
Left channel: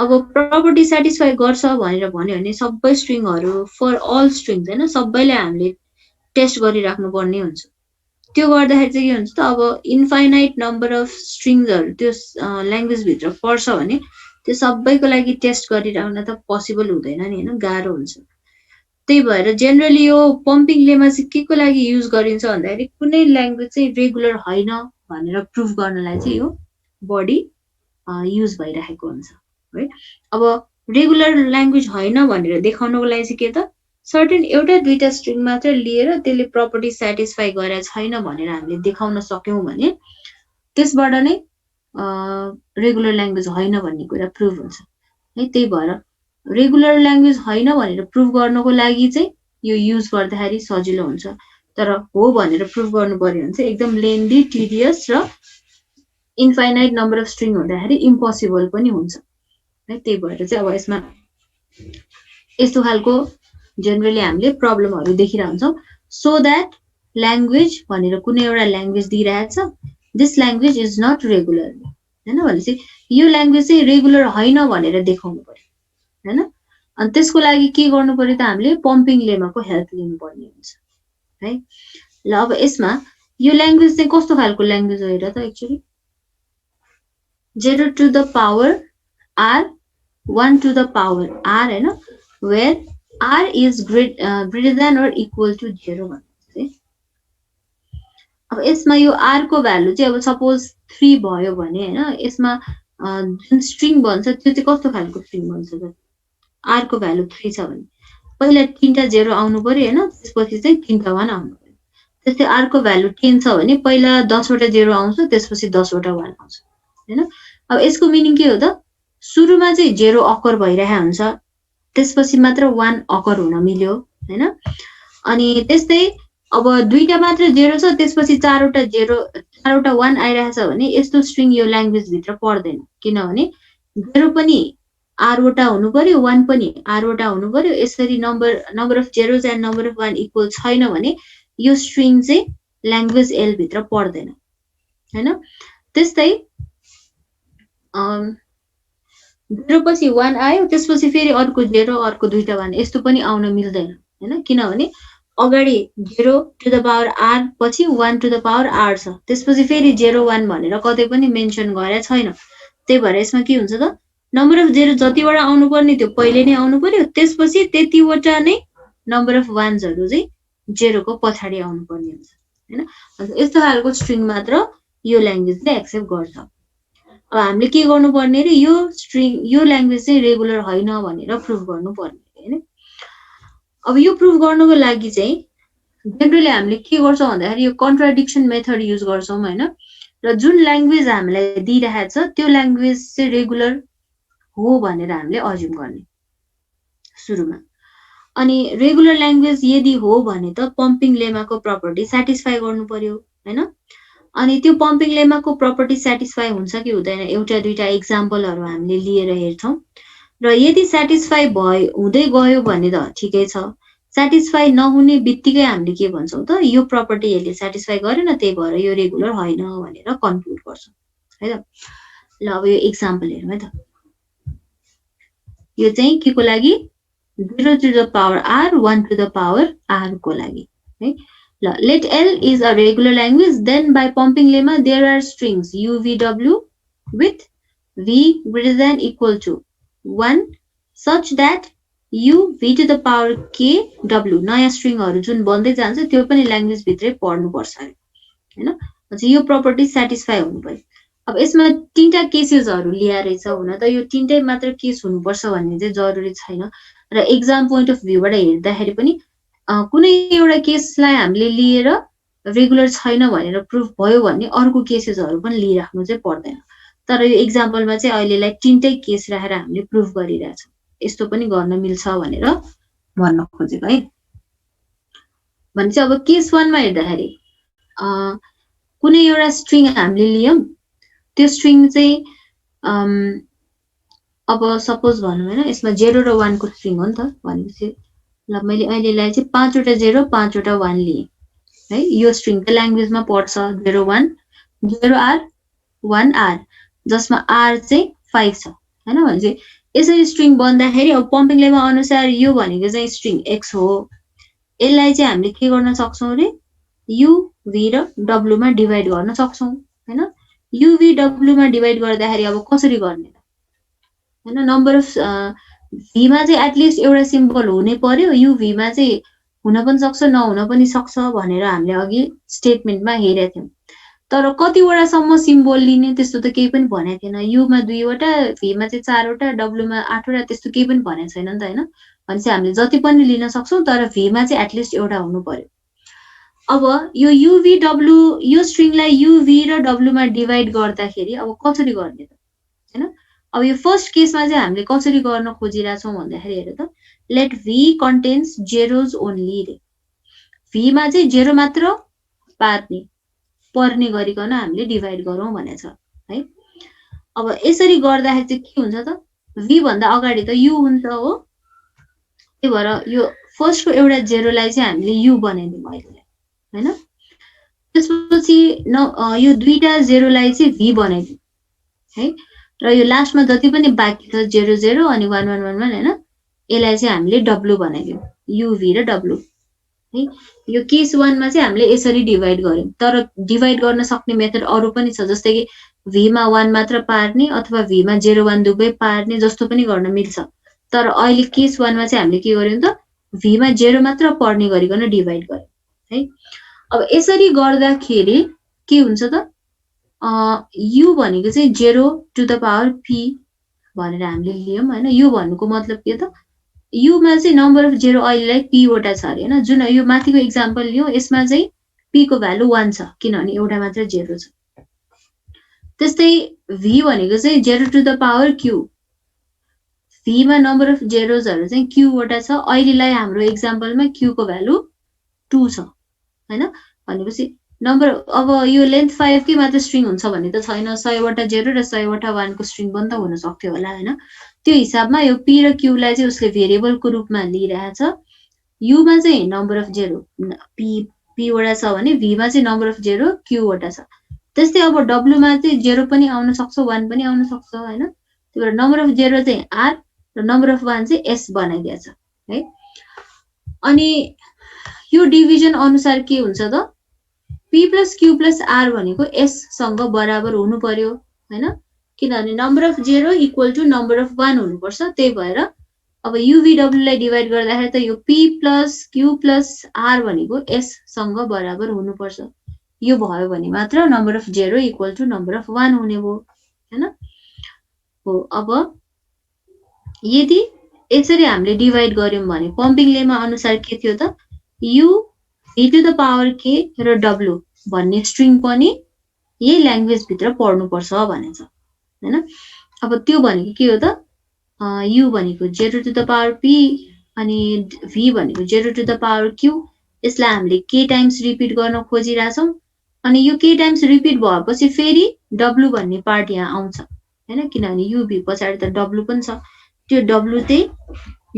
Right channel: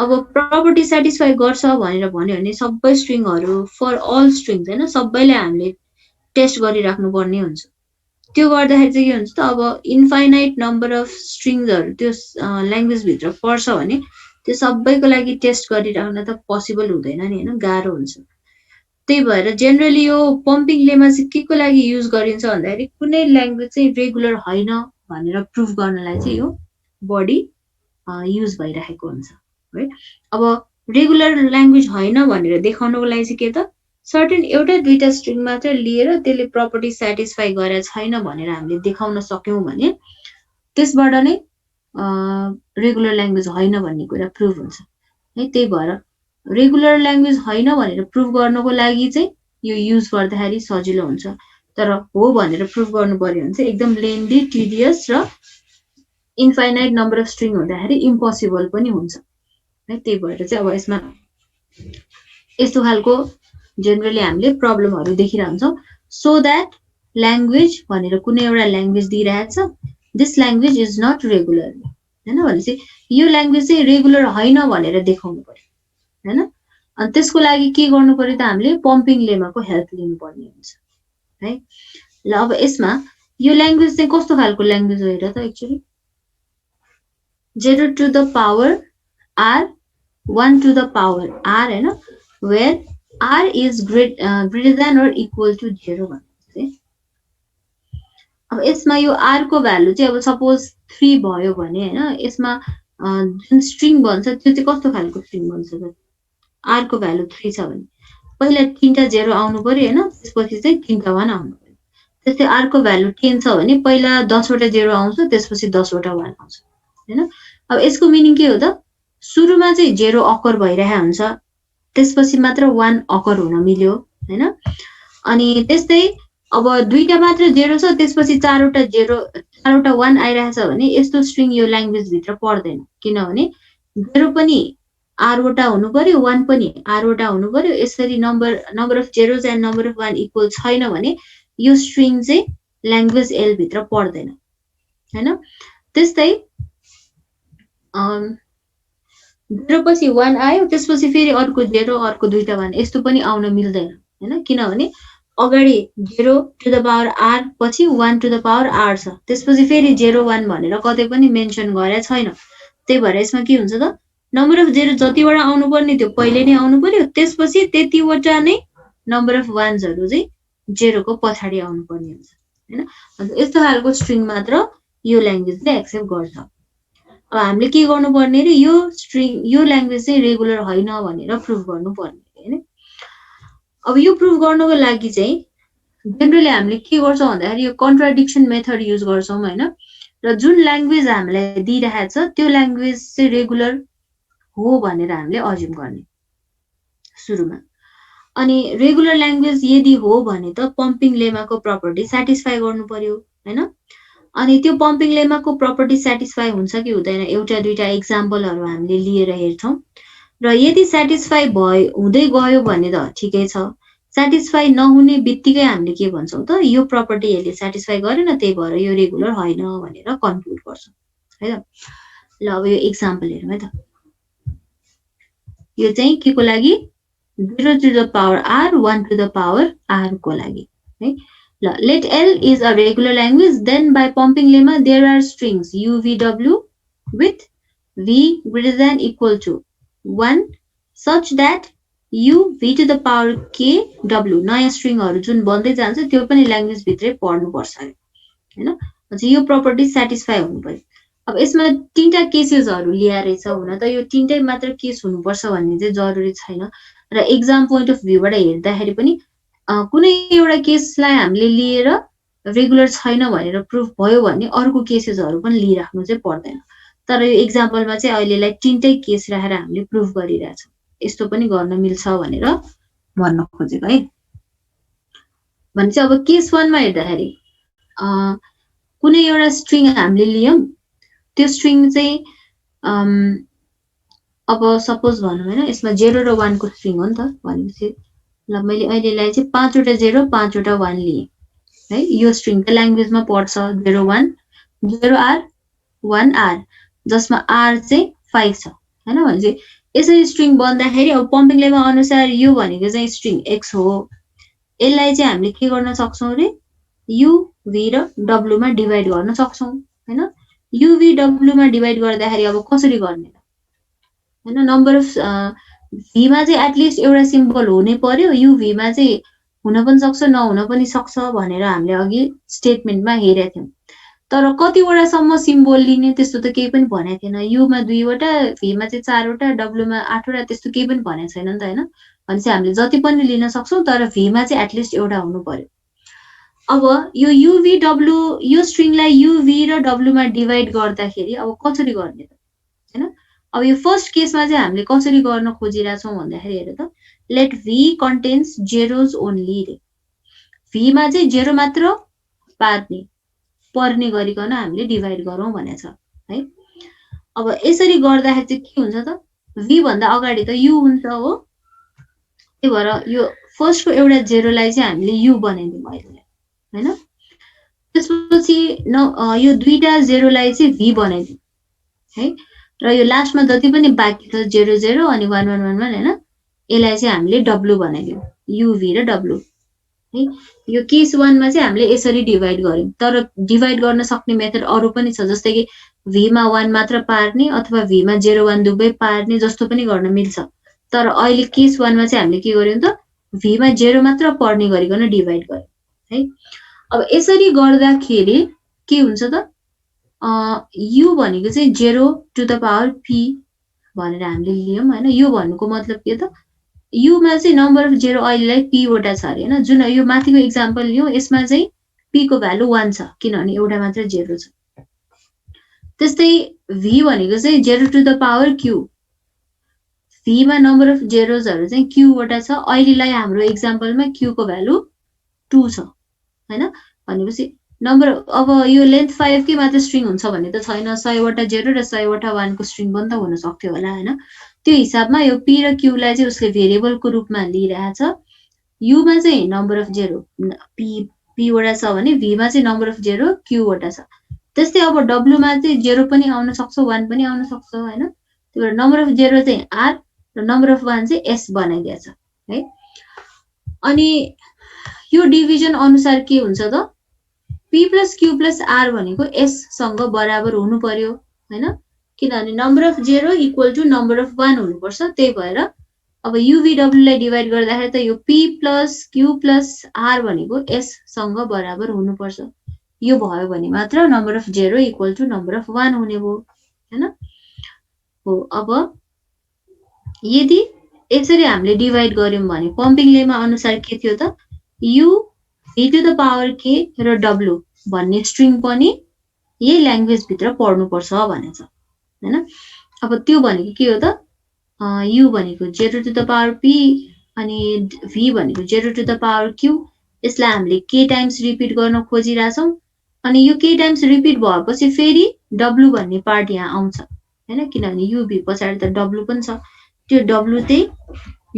अब प्रपर्टी सेटिस्फाई गर्छ भनेर भन्यो भने सबै स्ट्रिङहरू फर अल स्ट्रिङ्स हैन, सबैले हामीले टेस्ट गरिराख्नु पर्ने हुन्छ। त्यो गर्दाखेरि चाहिँ के हुन्छ त, अब इन्फाइनाइट नम्बर अफ स्ट्रिङ्सहरू त्यो ल्याङ्ग्वेज भित्र पर्छ भने त्यो सबैको लागि टेस्ट गरिराख्न त पोसिबल हुँदैन नि हैन, गाह्रो हुन्छ। त्यही भएर जेनरली यो पम्पिङ लेमा चाहिँ के को लागि युज गरिन्छ भन्दाखेरि कुनै ल्याङ्ग्वेज चाहिँ रेगुलर होइन भनेर प्रुफ गर्नलाई चाहिँ यो बढी युज भइरहेको हुन्छ है। अब रेगुलर ल्याङ्ग्वेज होइन भनेर देखाउनको लागि चाहिँ के त, सर्टेन एउटा दुईटा स्ट्रिङ मात्र लिएर त्यसले प्रपर्टी सेटिस्फाई गरेर छैन भनेर हामीले देखाउन सक्यौं भने त्यसबाट नै रेगुलर ल्याङ्ग्वेज होइन भन्ने कुरा प्रुभ हुन्छ है। त्यही भएर रेगुलर ल्याङ्ग्वेज होइन भनेर प्रुभ गर्नको लागि चाहिँ यो युज गर्दाखेरि सजिलो हुन्छ। तर हो भनेर प्रुभ गर्नु पर्यो भने चाहिँ एकदम लेन्दी, टिडियस र इन्फाइनाइट नम्बर अफ स्ट्रिङ हुँदाखेरि इम्पोसिबल पनि हुन्छ है। त्यही भएर चाहिँ अब यसमा यस्तो खालको जेनरली हामीले प्रब्लमहरू देखिरहेको हुन्छौँ। सो द्याट ल्याङ्ग्वेज भनेर कुनै एउटा ल्याङ्ग्वेज दिइरहेको छ, this language is not regular हैन भनेपछि यो ल्याङ्ग्वेज चाहिँ रेगुलर होइन भनेर देखाउनु पर्यो हैन। अनि त्यसको लागि के गर्नु पर्यो त, हामीले पम्पिङ लेमाको हेल्प लिनुपर्ने हुन्छ है। ल अब यसमा यो ल्याङ्ग्वेज चाहिँ कस्तो खालको ल्याङ्ग्वेज हो हेर त, actually 0 to the power r 1 to the power r हैन, where r is greater than or equal to 0 भनेपछि अब यसमा यो r को भ्यालु चाहिँ अब सपोज 3 भयो भने हैन, यसमा जुन स्ट्रिङ बन्छ त्यो चाहिँ कस्तो खालको स्ट्रिङ बन्छ त, r को भ्यालु 3 छ भने पहिला 3टा 0 आउनु पर्यो हैन, त्यसपछि चाहिँ 3टा 1 आउनु पर्यो। त्यस्तै r को भ्यालु 10 छ भने पहिला 10 वटा 0 आउँछ, त्यसपछि 10 वटा 1 आउँछ हैन। अब यसको मिनिङ के हो त, सुरुमा चाहिँ 0 अकर भइरहेको हुन्छ, त्यसपछि मात्र 1 अकर हुन मिल्यो हैन। अनि त्यस्तै अब दुईटा मात्र 0 छ, त्यसपछि 4 वटा 1 आइरहेछ भने यस्तो स्ट्रिङ यो ल्याङ्ग्वेज भित्र पर्दैन, किनभने 0 पनि r वटा हुनु पर्यो, 1 पनि r वटा हुनु पर्यो। यसरी number of zeros and number of 1 equal छैन भने यो स्ट्रिङ चाहिँ ल्याङ्ग्वेज एल भित्र पर्दैन हैन। त्यस्तै 0 पछि 1 आयो, त्यसपछि फेरि अर्को 0 अर्को दुईटा 1 यस्तो पनि आउन मिल्दैन हैन, किनभने अगाडि 0 टु द पावर r पछि 1 टु द पावर r छ, त्यसपछि फेरि 0 1 भनेर कतै पनि मेन्सन गरेको छैन। त्यही भएर यसमा के हुन्छ त, नम्बर अफ 0 जतिवटा आउनु पर्ने त्यो पहिले नै आउनु पर्यो, त्यसपछि त्यतिवटा नै नम्बर अफ 1sहरू चाहिँ 0 को पछाडि आउनु पर्ने हुन्छ हैन। यस्तो खालको स्ट्रिङ मात्र यो ल्याङ्ग्वेजले एक्सेप्ट गर्छ। अब हामीले के गर्नुपर्ने रे, यो ल्याङ्ग्वेज चाहिँ रेगुलर होइन भनेर प्रुभ गर्नुपर्ने हैन। अब यो प्रुभ गर्नको लागि चाहिँ जेनरली हामीले के गर्छौं भन्दाखेरि यो कन्ट्राडिक्सन मेथड युज गर्छौं हैन। र जुन ल्याङ्ग्वेज हामीलाई दिइरहेको छ त्यो ल्याङ्ग्वेज चाहिँ रेगुलर हो भनेर हामीले अज्युम गर्ने सुरुमा। अनि रेगुलर ल्याङ्ग्वेज यदि हो भने त पम्पिङ लेमाको प्रपर्टी सेटिस्फाई गर्नु पर्यो हैन। अनि त्यो पम्पिङ लेमाको प्रपर्टी सेटिस्फाई हुन्छ कि हुँदैन, एउटा दुईटा एक्जाम्पलहरू हामीले लिएर हेर्छौं। र यदि सेटिस्फाई हुँदै गयो भने त ठिकै छ, सेटिस्फाई नहुने बित्तिकै हामीले के भन्छौं त, यो प्रपर्टी यसले सेटिस्फाई गरेन त्यही भएर यो रेगुलर होइन भनेर कन्क्लुड गर्छौं है त। ल अब यो एक्जाम्पल हेरौँ है त। यो चाहिँ के को लागि, 0 to the power r 1 to the power r को लागि है। ल let L is a regular language, then by pumping lemma there are strings u v w with v greater than equal to 1 such that u v to the power k w नयाँ स्ट्रिङहरु जुन बन्दै जान्छ त्यो पनि ल्याङ्ग्वेज भित्रै पढ्नु पर्छ हैन अझै यो प्रपर्टी स्याटिस्फाई हुनु पर्यो अब यसमा तीनटा केसेसहरु ल्याएर छ हुन त यो तीनटै मात्र केस हुनुपर्छ भन्ने चाहिँ जरुरी छैन र एक्जाम पोइन्ट अफ भ्यूबाट हेर्दाखेरि पनि कुनै एउटा केसलाई हामीले लिएर रेगुलर छैन भनेर प्रुफ भयो भने अर्को केसेसहरु पनि लिइराख्नु चाहिँ पर्दैन तर यो एक्जाम्पलमा चाहिँ अहिलेलाई तीनटै केस राखेर हामीले प्रुफ गरिरहेछौं यस्तो पनि गर्न मिल्छ भनेर भन्न खोजेको है भने चाहिँ अब केस 1 मा हेर्दाखेरि कुनै एउटा स्ट्रिङ हामीले लियौं त्यो स्ट्रिङ चाहिँ अब सपोज भनौं हैन यसमा 0 र 1 को स्ट्रिङ हो नि त भनेपछि ल मैले अहिलेलाई चाहिँ 5 वटा 0 5 वटा 1 लिए है यो स्ट्रिङ त ल्याङ्ग्वेजमा पढ्छ 0 1 0 r 1 r जसमा r चाहिँ 5 छ हैन भने यसरी स्ट्रिङ बन्दाखेरि अब पम्पिङ लेमा अनुसार यो भनेको चाहिँ स्ट्रिङ x हो यसलाई चाहिँ हामीले के गर्न सक्छौं रे u v र w मा डिवाइड गर्न सक्छौं हैन u v w मा डिवाइड गर्दाखेरि अब कसरी गर्ने त हैन नम्बर अफ v मा चाहिँ एटलिस्ट एउटा सिम्बल हुनै पर्यो u v मा चाहिँ हुन पनि सक्छ नहुन पनि सक्छ भनेर हामीले अघि स्टेटमेन्टमा हेरेका थियौं तर कतिवटा सम्म सिम्बल लिने त्यस्तो त केही पनि भनेको थिएन u मा 2 वटा v मा चाहिँ 4 वटा w मा 8 वटा त्यस्तो केही पनि भनेको छैन नि त हैन भनेपछि हामीले जति पनि लिन सक्छौं तर v मा चाहिँ एटलिस्ट एउटा हुनु पर्यो अब यो u v w यो स्ट्रिङलाई u v र w मा डिवाइड गर्दाखेरि अब कसरी गर्ने त हैन अब यो फर्स्ट केसमा चाहिँ हामीले कसरी गर्न खोजिरा छौं भन्दाखेरि हेर त let v contains zeros only रे v मा चाहिँ 0 मात्र पर्ने गरिकन हामीले डिवाइड गरौँ भनेछ है अब यसरी गर्दाखेरि चाहिँ के हुन्छ त v भन्दा अगाडि त u हुन्छ हो त्यही भएर यो फर्स्टको एउटा 0 लाई चाहिँ हामीले u बनाइदियौं अहिले हैन त्यसपछि यो दुईटा 0 लाई चाहिँ v बनाइदियौं है र यो लास्टमा जति पनि बाँकी छ 0 0 अनि 1 1 1 1 हैन यसलाई चाहिँ हामीले w बनाइदियौं u v र w है यो केस 1 मा चाहिँ हामीले यसरी डिवाइड गर्यौं तर डिवाइड गर्न सक्ने मेथड अरु पनि छ जस्तै कि v मा 1 मात्र पार्ने अथवा v मा 0 1 दुबै पार्ने जस्तो पनि गर्न मिल्छ तर अहिले केस 1 मा चाहिँ हामीले के गर्यौं त v मा 0 मात्र पर्ने गरिकन डिवाइड गर्यौं है अब यसरी गर्दाखेरि के हुन्छ त u भनेको चाहिँ 0 टु द पावर p भनेर हामीले लियौं हैन यो भन्नुको मतलब के त u मा चाहिँ नम्बर अफ 0 अहिलेलाई p वटा छ हैन जुन यो माथिको एक्जाम्पल लियौ यसमा चाहिँ p को भ्यालु 1 छ किनभने एउटा मात्र 0 छ त्यस्तै v भनेको चाहिँ 0 to the power q v मा नम्बर अफ जेरोजहरु चाहिँ q वटा छ अहिलेलाई हाम्रो एक्जाम्पलमा q को भ्यालु 2 छ हैन भनेपछि नम्बर अब यो लेन्थ 5 के मात्र स्ट्रिङ हुन्छ भन्ने त छैन 100 वटा 0 र 100 वटा 1 को स्ट्रिङ पनि त हुन सक्थ्यो होला हैन त्यो हिसाबमा यो p र q लाई चाहिँ उसले भेरिएबलको रूपमा लिइरहेछ u मा चाहिँ नम्बर अफ 0 p वटा छ भने v मा चाहिँ नम्बर अफ 0 q वटा छ त्यस्तै अब w मा चाहिँ 0 पनि आउन सक्छ 1 पनि आउन सक्छ हैन त्यही भएर नम्बर अफ 0 चाहिँ r र नम्बर अफ 1 चाहिँ s बनाइदिएछ है अनि यो डिभिजन अनुसार के हुन्छ त p + q + r भनेको s सँग बराबर हुनु पर्यो हैन किनभने number of 0 equal to number of 1 हुनुपर्छ त्यही भएर अब u v w लाई डिवाइड गर्दाखेरि त यो p + q + r भनेको s सँग बराबर हुनुपर्छ यो भयो भने मात्र number of 0 equal to number of 1 हुने भयो हैन हो अब यदि यसरी हामीले डिवाइड गर्यौं भने पम्पिङ लेमा अनुसार के थियो त u v to the power k र w भन्ने स्ट्रिङ पनि यही ल्याङ्ग्वेज भित्र पढ्नु पर्छ भनेछ हैन अब त्यो भनेको के हो त u भनेको 0 टु द पावर p अनि v भनेको 0 टु द पावर q यसलाई हामीले k टाइम्स रिपिट गर्न खोजिरा छौं अनि यो k टाइम्स रिपिट भएपछि फेरि w भन्ने पार्ट यहाँ आउँछ हैन किनभने u v पछाडी त w पनि छ त्यो w चाहिँ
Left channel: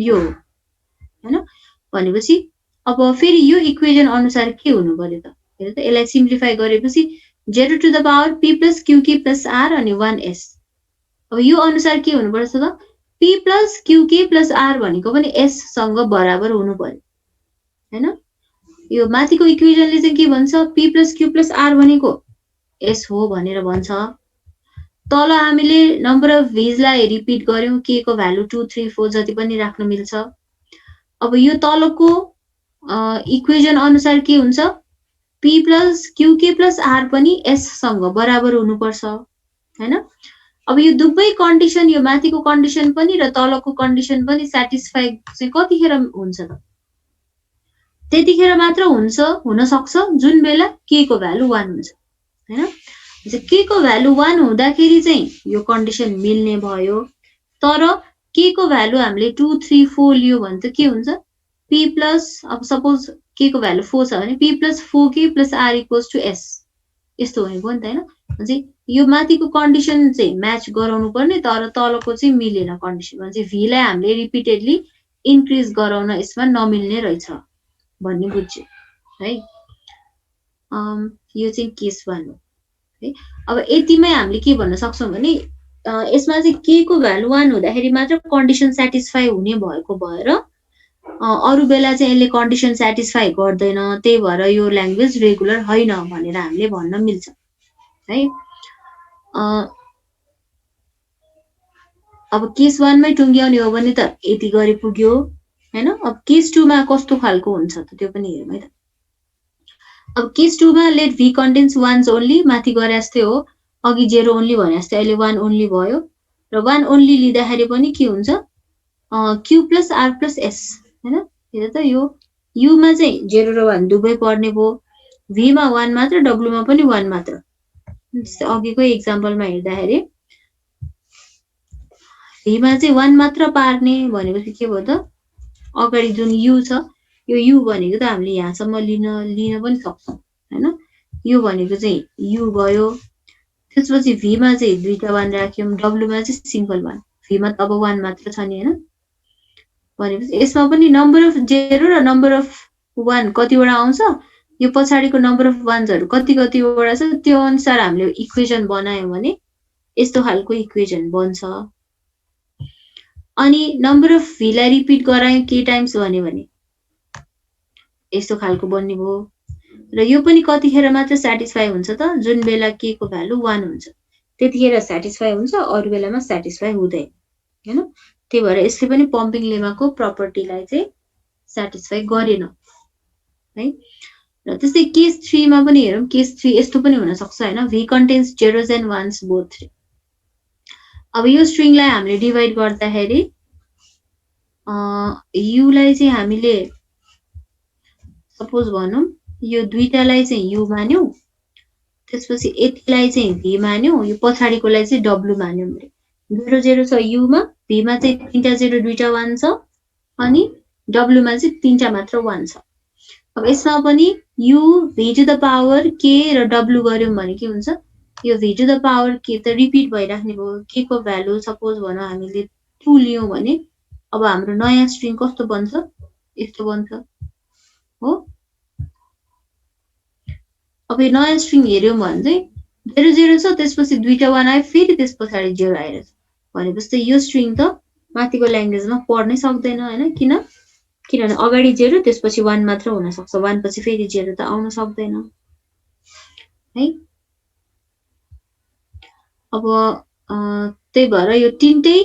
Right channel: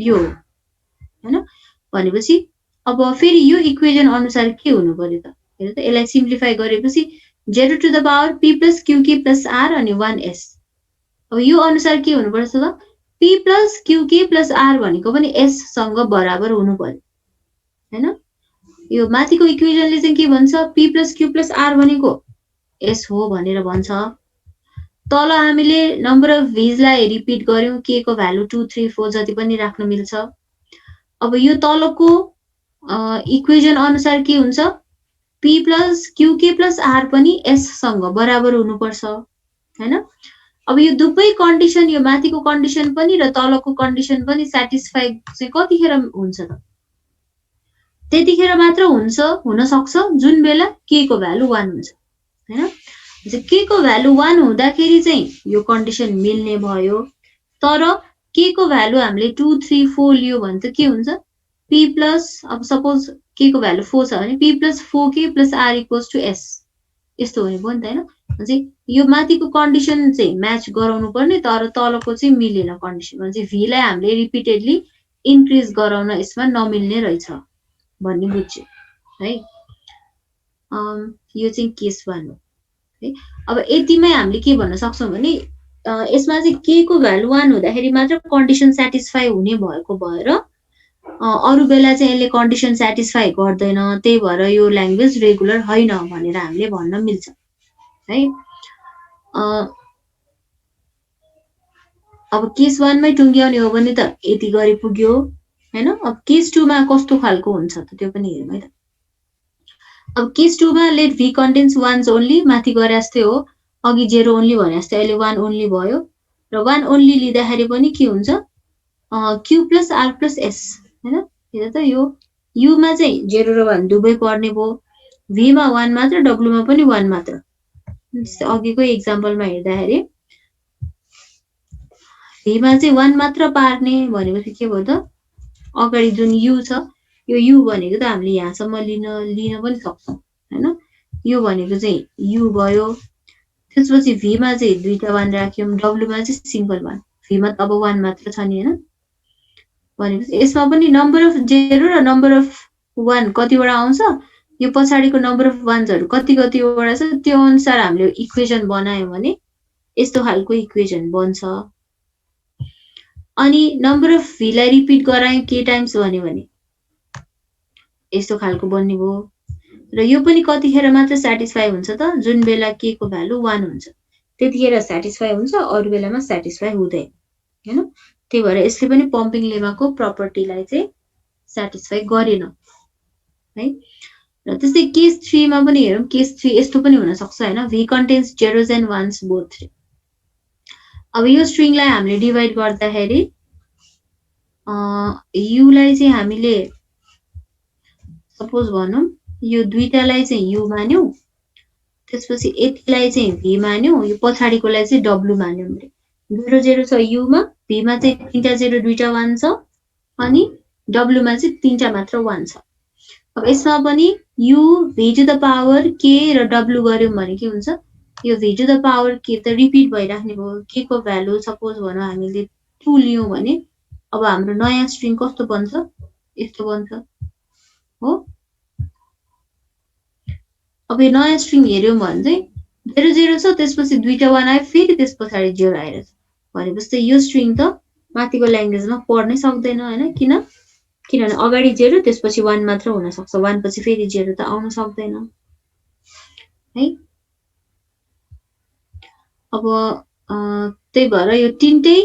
यो हैन भनेपछि अब फेरि यो इक्वेसन अनुसार के हुनु पर्यो त हेर त यसलाई सिम्प्लिफाई गरेपछि 0 to the power p + qk + r अनि 1s अब यो अनुसार के हुनु पर्छ त p + qk + r भनेको पनि s सँग बराबर हुनु पर्यो हैन यो माथिको इक्वेसनले चाहिँ के भन्छ p + q + r भनेको s हो भनेर भन्छ तल हामीले नम्बर अफ भीजलाई रिपिट गर्यौं, के को भ्यालु 2 3 4 जति पनि राख्न मिल्छ। अब यो तलको इक्वेसन अनुसार के हुन्छ, p plus qk plus r पनि s सँग बराबर हुनुपर्छ हैन। अब यो दुवै कन्डिसन, यो माथिको कन्डिसन पनि र तलको कन्डिसन पनि सेटिस्फाई चाहिँ कतिखेर हुन्छ त, त्यतिखेर मात्र हुन सक्छ जुन बेला k को भ्यालु 1 हुन्छ हैन। k को भ्यालु 1 हुँदाखेरि चाहिँ यो कन्डिसन मिल्ने भयो। तर k को भ्यालु हामीले 2 3 4 लियो भने त के हुन्छ, p प्लस, अब सपोज k को भ्यालु 4 छ भने p plus 4k plus r equals to s, यस्तो हुने भयो नि त हैन। चाहिँ यो माथिको कन्डिसन चाहिँ म्याच गराउनु पर्ने, तर तलको चाहिँ मिलेन कन्डिसन भने चाहिँ v लाई हामीले रिपिटेडली इन्क्रिज गराउन यसमा नमिल्ने रहेछ भन्ने बुझ्यो है। यो चाहिँ केस 1 हो है। अब यतिमै हामीले के भन्न सक्छौं भने यसमा चाहिँ k को भ्यालु 1 हुँदाखेरि मात्र कन्डिसन सेटिस्फाई हुने भएको भएर अरु बेला चाहिँ यसले कन्डिसन सेटिस्फाई गर्दैन, त्यही भएर यो ल्याङ्ग्वेज रेगुलर होइन भनेर हामीले भन्न मिल्छ है। अब केस 1 मै टुङ्ग्याउने हो भने त यति गरी पुग्यो हैन। अब केस 2 मा कस्तो खालको हुन्छ त त्यो पनि हेरौँ है त। अब केस 2 मा let v contains once only, माथि गरे जस्तै हो, अघि 0 ओन्ली भने जस्तै अहिले 1 ओन्ली भयो र 1 ओन्ली लिँदाखेरि पनि के हुन्छ, q plus r plus s हैन। हेर त यो u मा चाहिँ 0 र 1 दुवै पर्ने भयो, v मा 1 मात्र, w मा पनि 1 मात्र। अघिको एक्जाम्पलमा हेर्दाखेरि v मा चाहिँ 1 मात्र पार्ने भनेपछि के भयो त, अगाडि जुन u छ यो u भनेको त हामीले यहाँसम्म लिन पनि सक्छौं हैन। यो भनेको चाहिँ u भयो, त्यसपछि v मा चाहिँ दुईटा 1 राख्यौं, w मा चाहिँ सिम्पल 1, v मा त अब 1 मात्र छ नि हैन। भनेपछि यसमा पनि नम्बर अफ 0 र नम्बर अफ 1 कतिवटा आउँछ, यो पछाडिको नम्बर अफ 1s हरु कतिवटा छ, त्यो अनुसार हामीले इक्वेसन बनायौं भने यस्तो खालको इक्वेसन बन्छ। अनि नम्बर अफ v लाई रिपिट गरायौं k टाइम्स भन्यो भने यस्तो खालको बन्ने भयो। र यो पनि कतिखेर मात्र सेटिस्फाई हुन्छ त, जुन बेला k को भ्यालु 1 हुन्छ त्यतिखेर सेटिस्फाई हुन्छ, अरु बेलामा सेटिस्फाई हुँदैन हैन। त्यही भएर यसले पनि पम्पिङ लेमाको प्रपर्टीलाई चाहिँ सेटिस्फाई गरेन है। र त्यस्तै केस 3 मा पनि हेरौँ, केस 3 यस्तो पनि हुन सक्छ हैन, v contents zeros and ones both। अब यो स्ट्रिङलाई हामीले डिभाइड गर्दाखेरि u लाई चाहिँ हामीले सपोज भनौं यो दुईटालाई चाहिँ u मान्यौ, त्यसपछि यतिलाई चाहिँ v मान्यौ, यो पछाडिकोलाई चाहिँ w मान्यौ। 0 0 छ u मा, v मा चाहिँ तीनटा 0 दुईटा 1 छ, अनि w मा चाहिँ तीनटा मात्र 1 छ। अब यसमा पनि u v to the power k र w गर्यौं भने के हुन्छ, यो v to the power k त रिपिट भइराख्ने भयो। k को भ्यालु सपोज भनौं हामीले 2 लियौं भने अब हाम्रो नयाँ स्ट्रिङ कस्तो बन्छ, यस्तो बन्छ हो। अब यो नयाँ स्ट्रिङ हेर्यौं भने चाहिँ 0 0 छ, त्यसपछि दुईटा 1 आयो, फेरि त्यसपछि 0 आइरहेछ भनेपछि यो स्ट्रिङ त माथिको ल्याङ्ग्वेजमा पढ्नै सक्दैन हैन। किनभने अगाडि 0 त्यसपछि 1 मात्र हुन सक्छ, 1 पछि फेरि 0 त आउन सक्दैन है। अब त्यही भएर यो तीनटै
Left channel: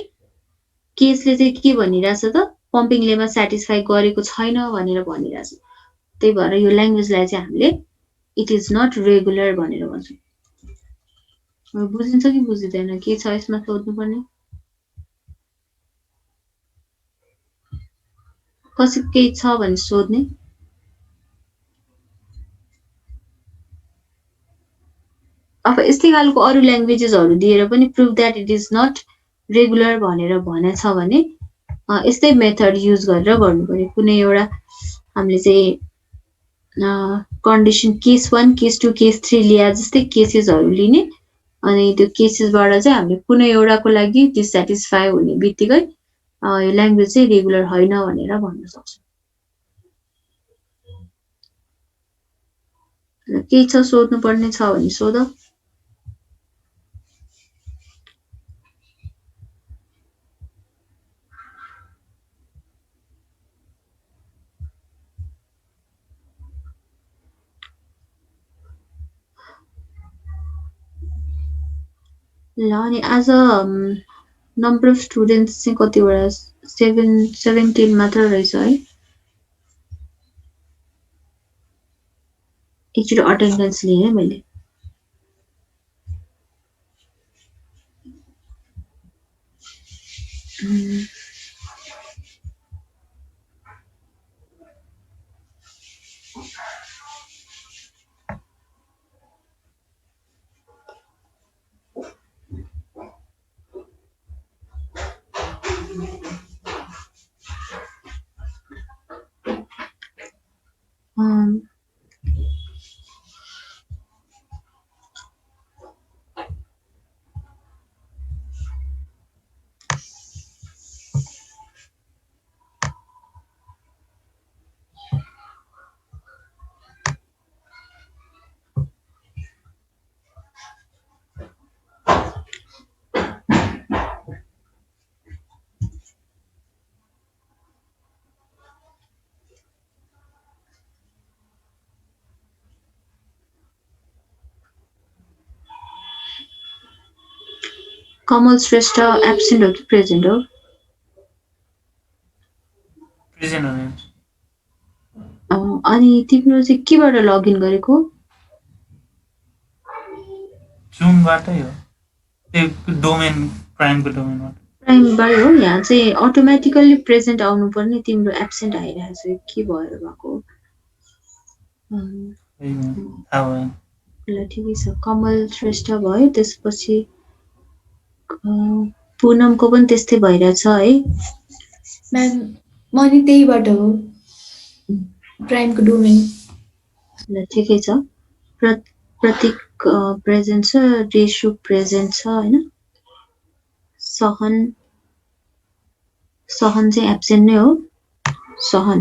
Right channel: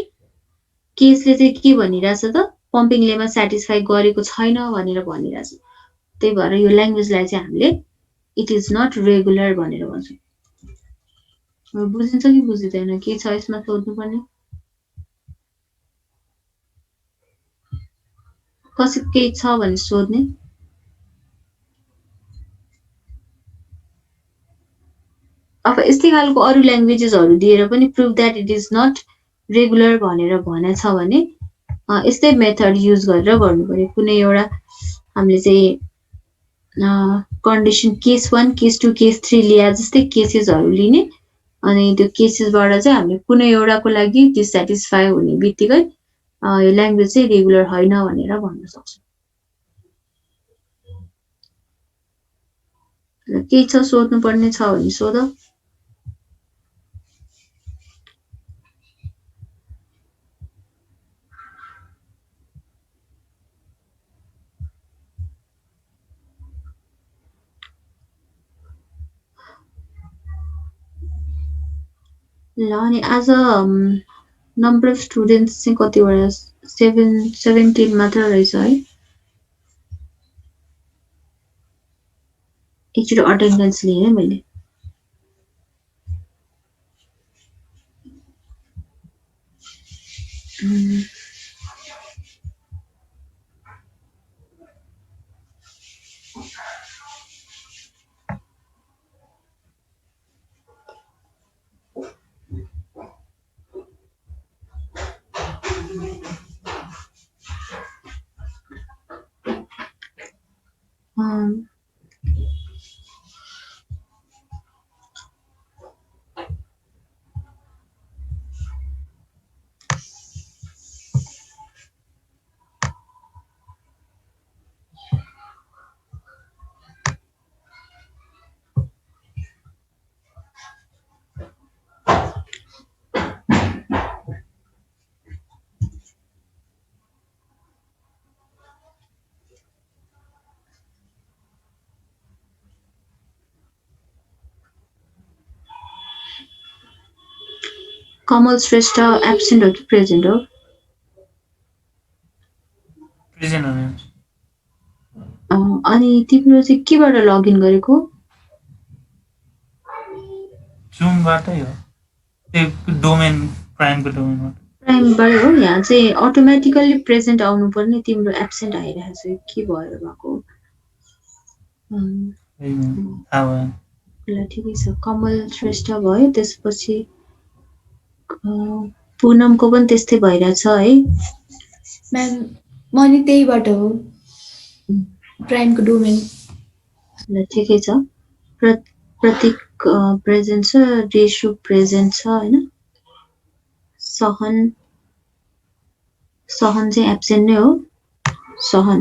केसले चाहिँ के भनिरहेछ त, पम्पिङ लेमा सेटिस्फाई गरेको छैन भनेर भनिरहेछ। त्यही भएर यो ल्याङ्ग्वेजलाई चाहिँ हामीले इट इज नट रेगुलर भनेर भन्छौं। बुझिन्छ कि बुझिदैन, के छ यसमा सोध्नु पर्ने, कसैको केही छ भने सोध्ने। अब यस्तै खालको अरु ल्याङ्ग्वेजेसहरु दिएर पनि prove that it is not regular भनेर भनेछ भने यस्तै मेथड युज गरेर गर्नुपर्यो। कुनै एउटा हामीले चाहिँ कन्डिसन केस 1 केस 2 केस 3 लिया जस्तै केसेसहरु लिने, अनि त्यो केसेसबाट चाहिँ हामीले कुनै एउटाको लागि डिसस्याटिस्फाई हुने बित्तिकै यो ल्याङ्ग्वेज चाहिँ रेगुलर होइन भनेर भन्न सक्छौं। केही छ सोध्नु पर्ने छ भने सोध। ल अनि as a number of students चाहिँ कतिवटा 17 मात्र रहेछ है एकचोटि अटेन्डेन्स लिएँ है मैले कमल श्रेष्ठ एब्सेन्ट हो कि प्रेजेन्ट हो प्रेजेन्ट हुनु अनि तिम्रो चाहिँ केबाट लगइन गरेको जुमबाटै हो त्यो डोमेन प्राइमको डोमेनबाट प्राइमबाट हो यहाँ चाहिँ अटोमेटिकल्ली प्रेजेन्ट आउनुपर्ने तिम्रो एब्सेन्ट आइरहेको छ के भएर भएको थाहा भएन ल ठिकै छ कमल श्रेष्ठ भयो त्यसपछि पुनमको पनि त्यस्तै भइरहेछ है म्याम म नि त्यहीबाट हो प्राइमको डोमेन ल ठिकै छ प्रतीक प्रेजेन्ट छ रेसु प्रेजेन्ट छ हैन सहन चाहिँ एब्सेन्ट नै हो सहन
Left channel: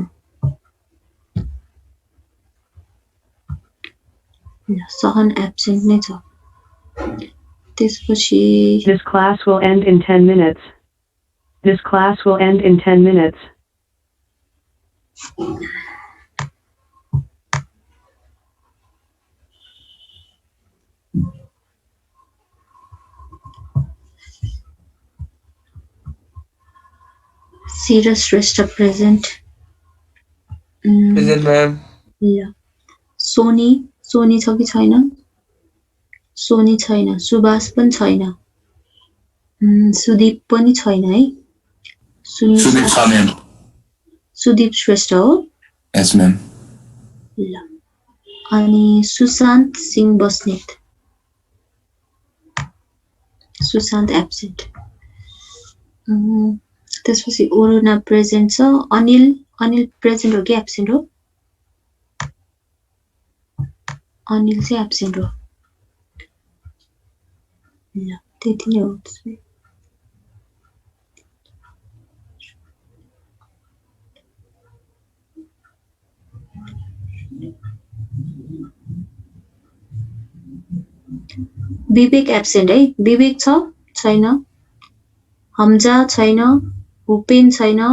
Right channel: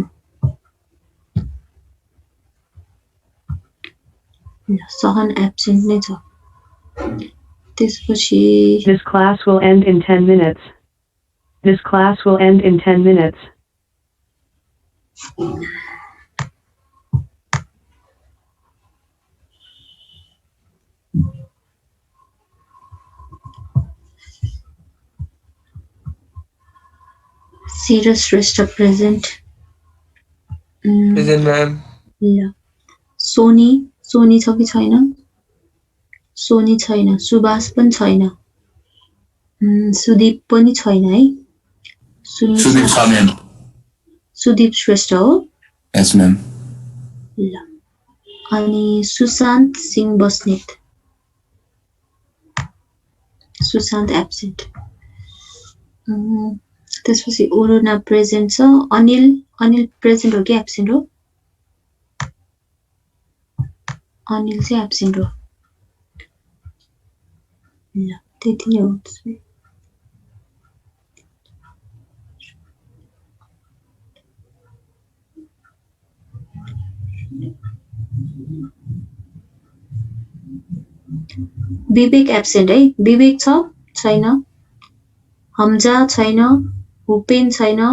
एब्सेन्ट नै छ त्यसपछि This class will end in 10 minutes. This class will end in 10 minutes. Sira Shrestha present. Present, ma'am. ल सोनी छ कि छैन सोनी छैन सुभाष पनि छैन सुदीप पनि छैन है सुदीप छ म्याम सुदीप श्रेष्ठ हो यस म्याम ल अनि सुशान्त सिंह बस्नेत सुशान्त एब्सेन्ट त्यसपछि ओरोना प्रेजेन्ट छ अनिल प्रेजेन्ट हो कि एब्सेन्ट हो अनिल चाहिँ एब्सेन्ट हो ल त्यति नै हो विवेक एब्सेन्ट है विवेक छ छैन हमजा छैन भूपेन छैन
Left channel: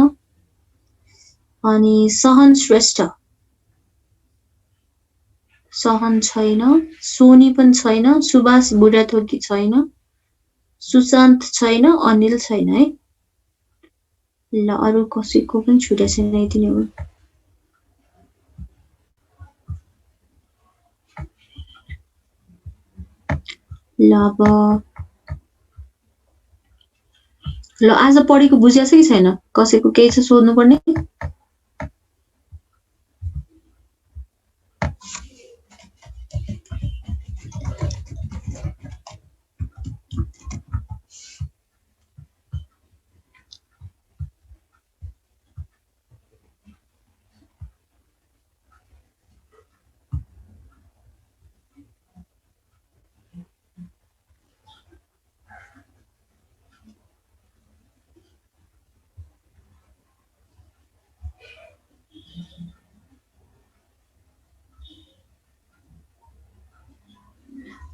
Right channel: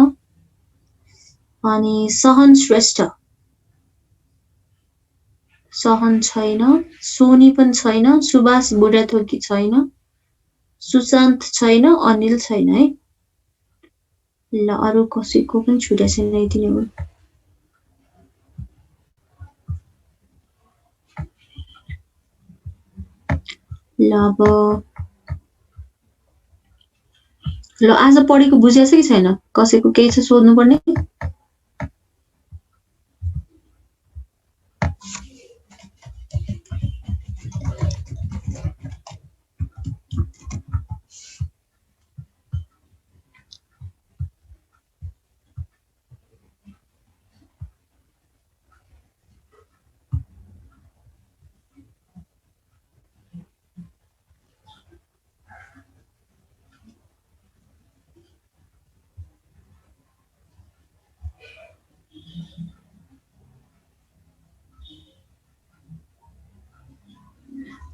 अनि सहन श्रेष्ठ सहन छैन सोनी पनि छैन सुभाष बुढाथोकी छैन सुशान्त छैन अनिल छैन है ल अरु कसैको पनि छुटेको छैन यति नै हो ल अब ल आज पढेको बुझेछ कि छैन कसैको केही छ सोध्नु पर्ने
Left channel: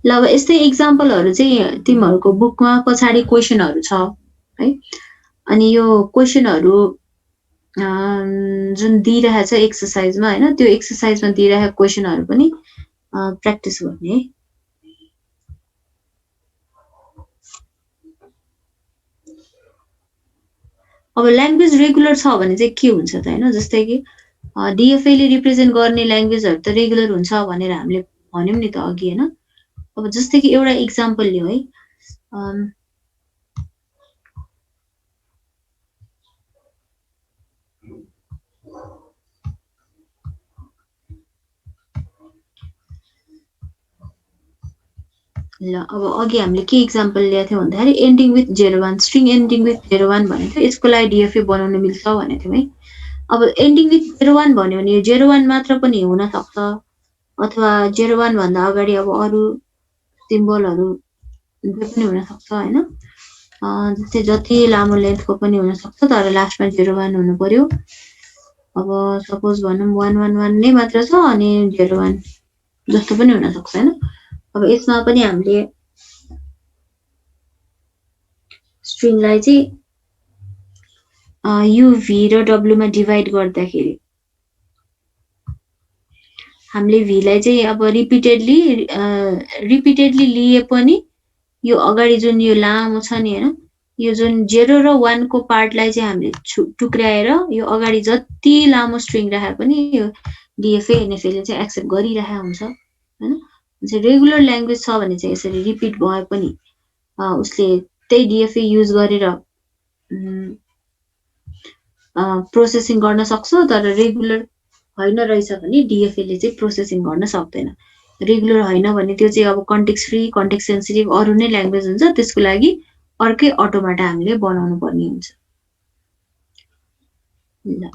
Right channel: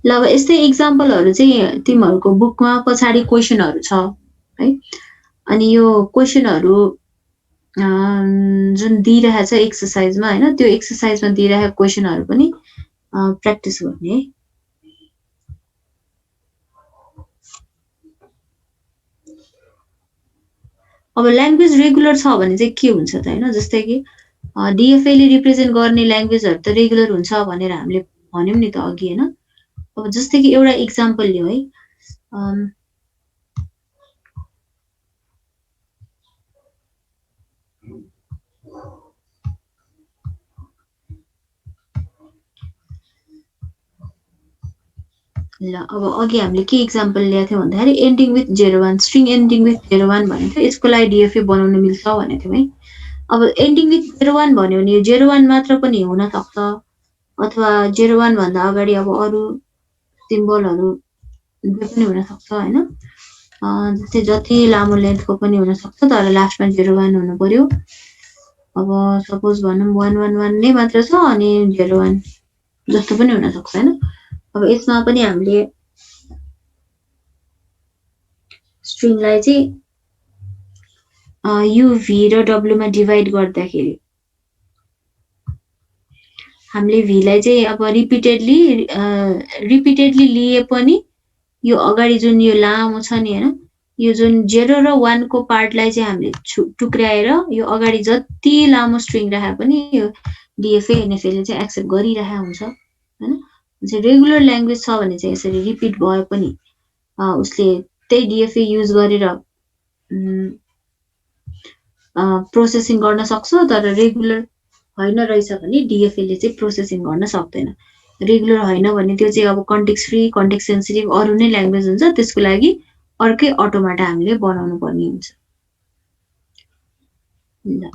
ल अब यस्तै एक्जाम्पलहरु चाहिँ तिमीहरुको बुकमा पछाडी क्वेशनहरु छ है अनि यो क्वेशनहरु जुन दिइरहेछ एक्सरसाइजमा हैन त्यो एक्सरसाइजमा दिइरहेको क्वेशनहरु पनि प्र्याक्टिस गर्ने अब ल्याङ्ग्वेज रेगुलर छ भने चाहिँ के हुन्छ त हैन, जस्तै कि DFA ले रिप्रेजेन्ट गर्ने ल्याङ्ग्वेजहरु त रेगुलर हुन्छ भनेर हामीले भन्यौं नि त अघि हैन। अब जस्तै कि एउटा इक्जाम्पल लियौँ है, ल अब अघि हामीले के इक्जाम्पल ल्याएको थियौँ भन्दाखेरि ending with 01 string ending with 01 भनेको थियो, यसको लागि DFA बनाउन मिल्छ भनेको थियौँ है। अब एन्डिङ विथ 01 भन्यो भने यो 01 मात्र पनि हुन सक्छ, अथवा 01 भन्दा अगाडि अब अरू सिम्बलहरु जे पनि हुन सक्छ हैन। जस्तै जति लामो लेन्थको पनि हुन सक्छ, तर लास्टमा 01 हुनु पर्यो। अब सपोज भनौँ 111 नै मात्र छ अनि 01 जस्तो पनि हुन सक्छ हैन। अब यसमा पनि हामीले स्ट्रिङलाई चाहिँ U, V र W मा डिभाइड गर्दाखेरि हामीले V लाई चाहिँ अब रिपिटेडली लिए पनि यो अगाडि जुन यो लामो छ नि हैन, यो जुन 0 र 1 को पार्टलाई चाहिँ हामीले टुक्राएर यो अगाडि जति लामो स्ट्रिङ राखे पनि यो DFA NFA ले चाहिँ एक्सेप्ट गरिरहेको हुन्छ हैन। चाहिँ रेगुलर ल्याङ्ग्वेज छ भने चाहिँ यसरी रिपिट भए पनि उसले त्यही DFA युज गरेर प्रोसेसिङ गर्न सक्छ, तर रेगुलर हैन रहेछ भने DFA ले चाहिँ प्रोसेसिङ गर्न सक्दैन। रेगुलर हैन भने त्यो चाहिँ अब कन्टेक्स्ट फ्री, कन्टेक्स्ट सेन्सिटिभ अरु नै ल्याङ्ग्वेज हुन्छ, त्यसको लागि अर्कै अटोमाटा हामीले बनाउनु पर्ने हुन्छ। ल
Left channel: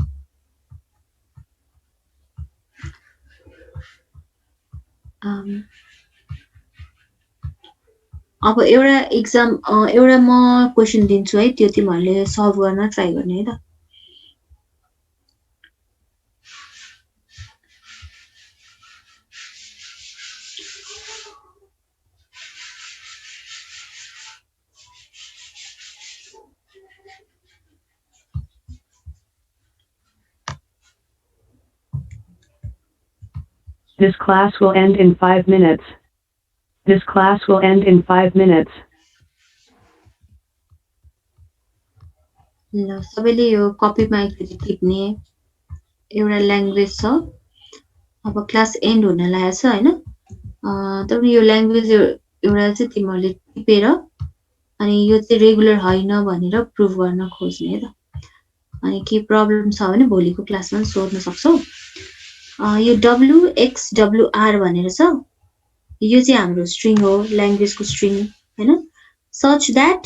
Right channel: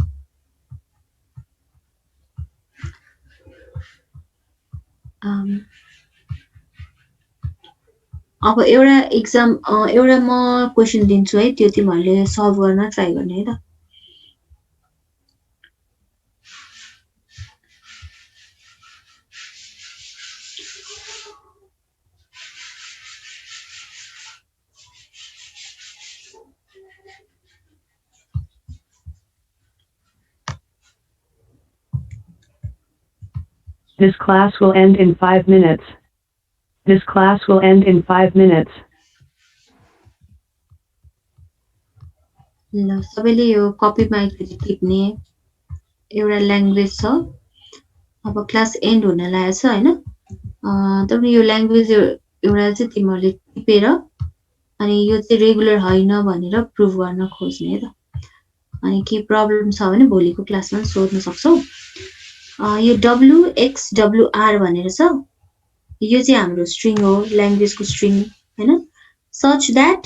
अब एउटा म क्वेशन दिन्छु है, त्यो तिमीहरुले सल्भ गर्न ट्राई गर्ने है त। This class will end in 5 minutes. This class will end in 5 minutes. ल सबैले यो कपीमा एकचोटि टिप्ने। एउटा ल्याङ्ग्वेज छ, अब क्लास एन्ड हुन लागेको छ हैन। तर यो ल्याङ्ग्वेज एउटा चाहिँ तिमीहरुले टिपेर अनि यो चाहिँ रेगुलर हैन भनेर प्रुभ गर्न खोज्ने है त। अनि के प्रब्लम छ भने भोलिको क्लासमा सोध्न सक्छौ। यो WXWR भनेर छ, यो चाहिँ हाम्रो स्ट्रिङ हो, ल्याङ्ग्वेजको स्ट्रिङ हैन। Such that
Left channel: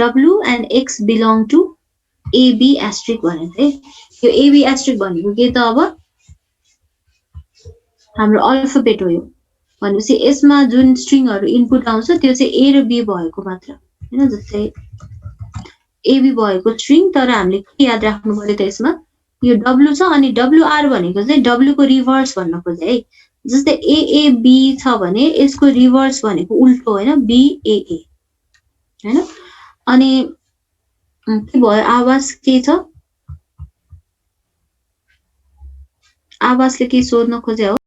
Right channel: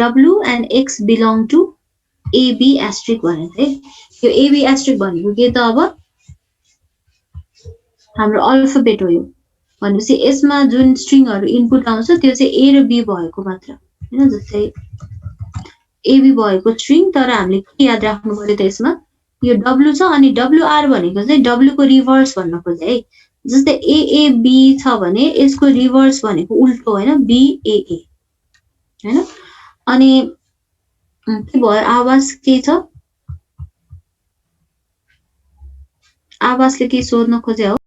W and X belong to AB asterisk भनेको है। यो AB asterisk भनेको के त, अब हाम्रो अल्फाबेट हो यो। भनेपछि यसमा जुन स्ट्रिङहरु इनपुट आउँछ त्यो चाहिँ A र B भएको मात्र हैन। जस्तै AB भएको स्ट्रिङ, तर हामीले के याद राख्नु पर्यो त यसमा यो W छ अनि WR भनेको चाहिँ W को रिभर्स भन्न खोजे है। जस्तै AAB छ भने यसको रिभर्स भनेको उल्टो हैन, BAA हैन। अनि के भयो, आवाज के छ, आवाजले के सोध्न खोजे हो।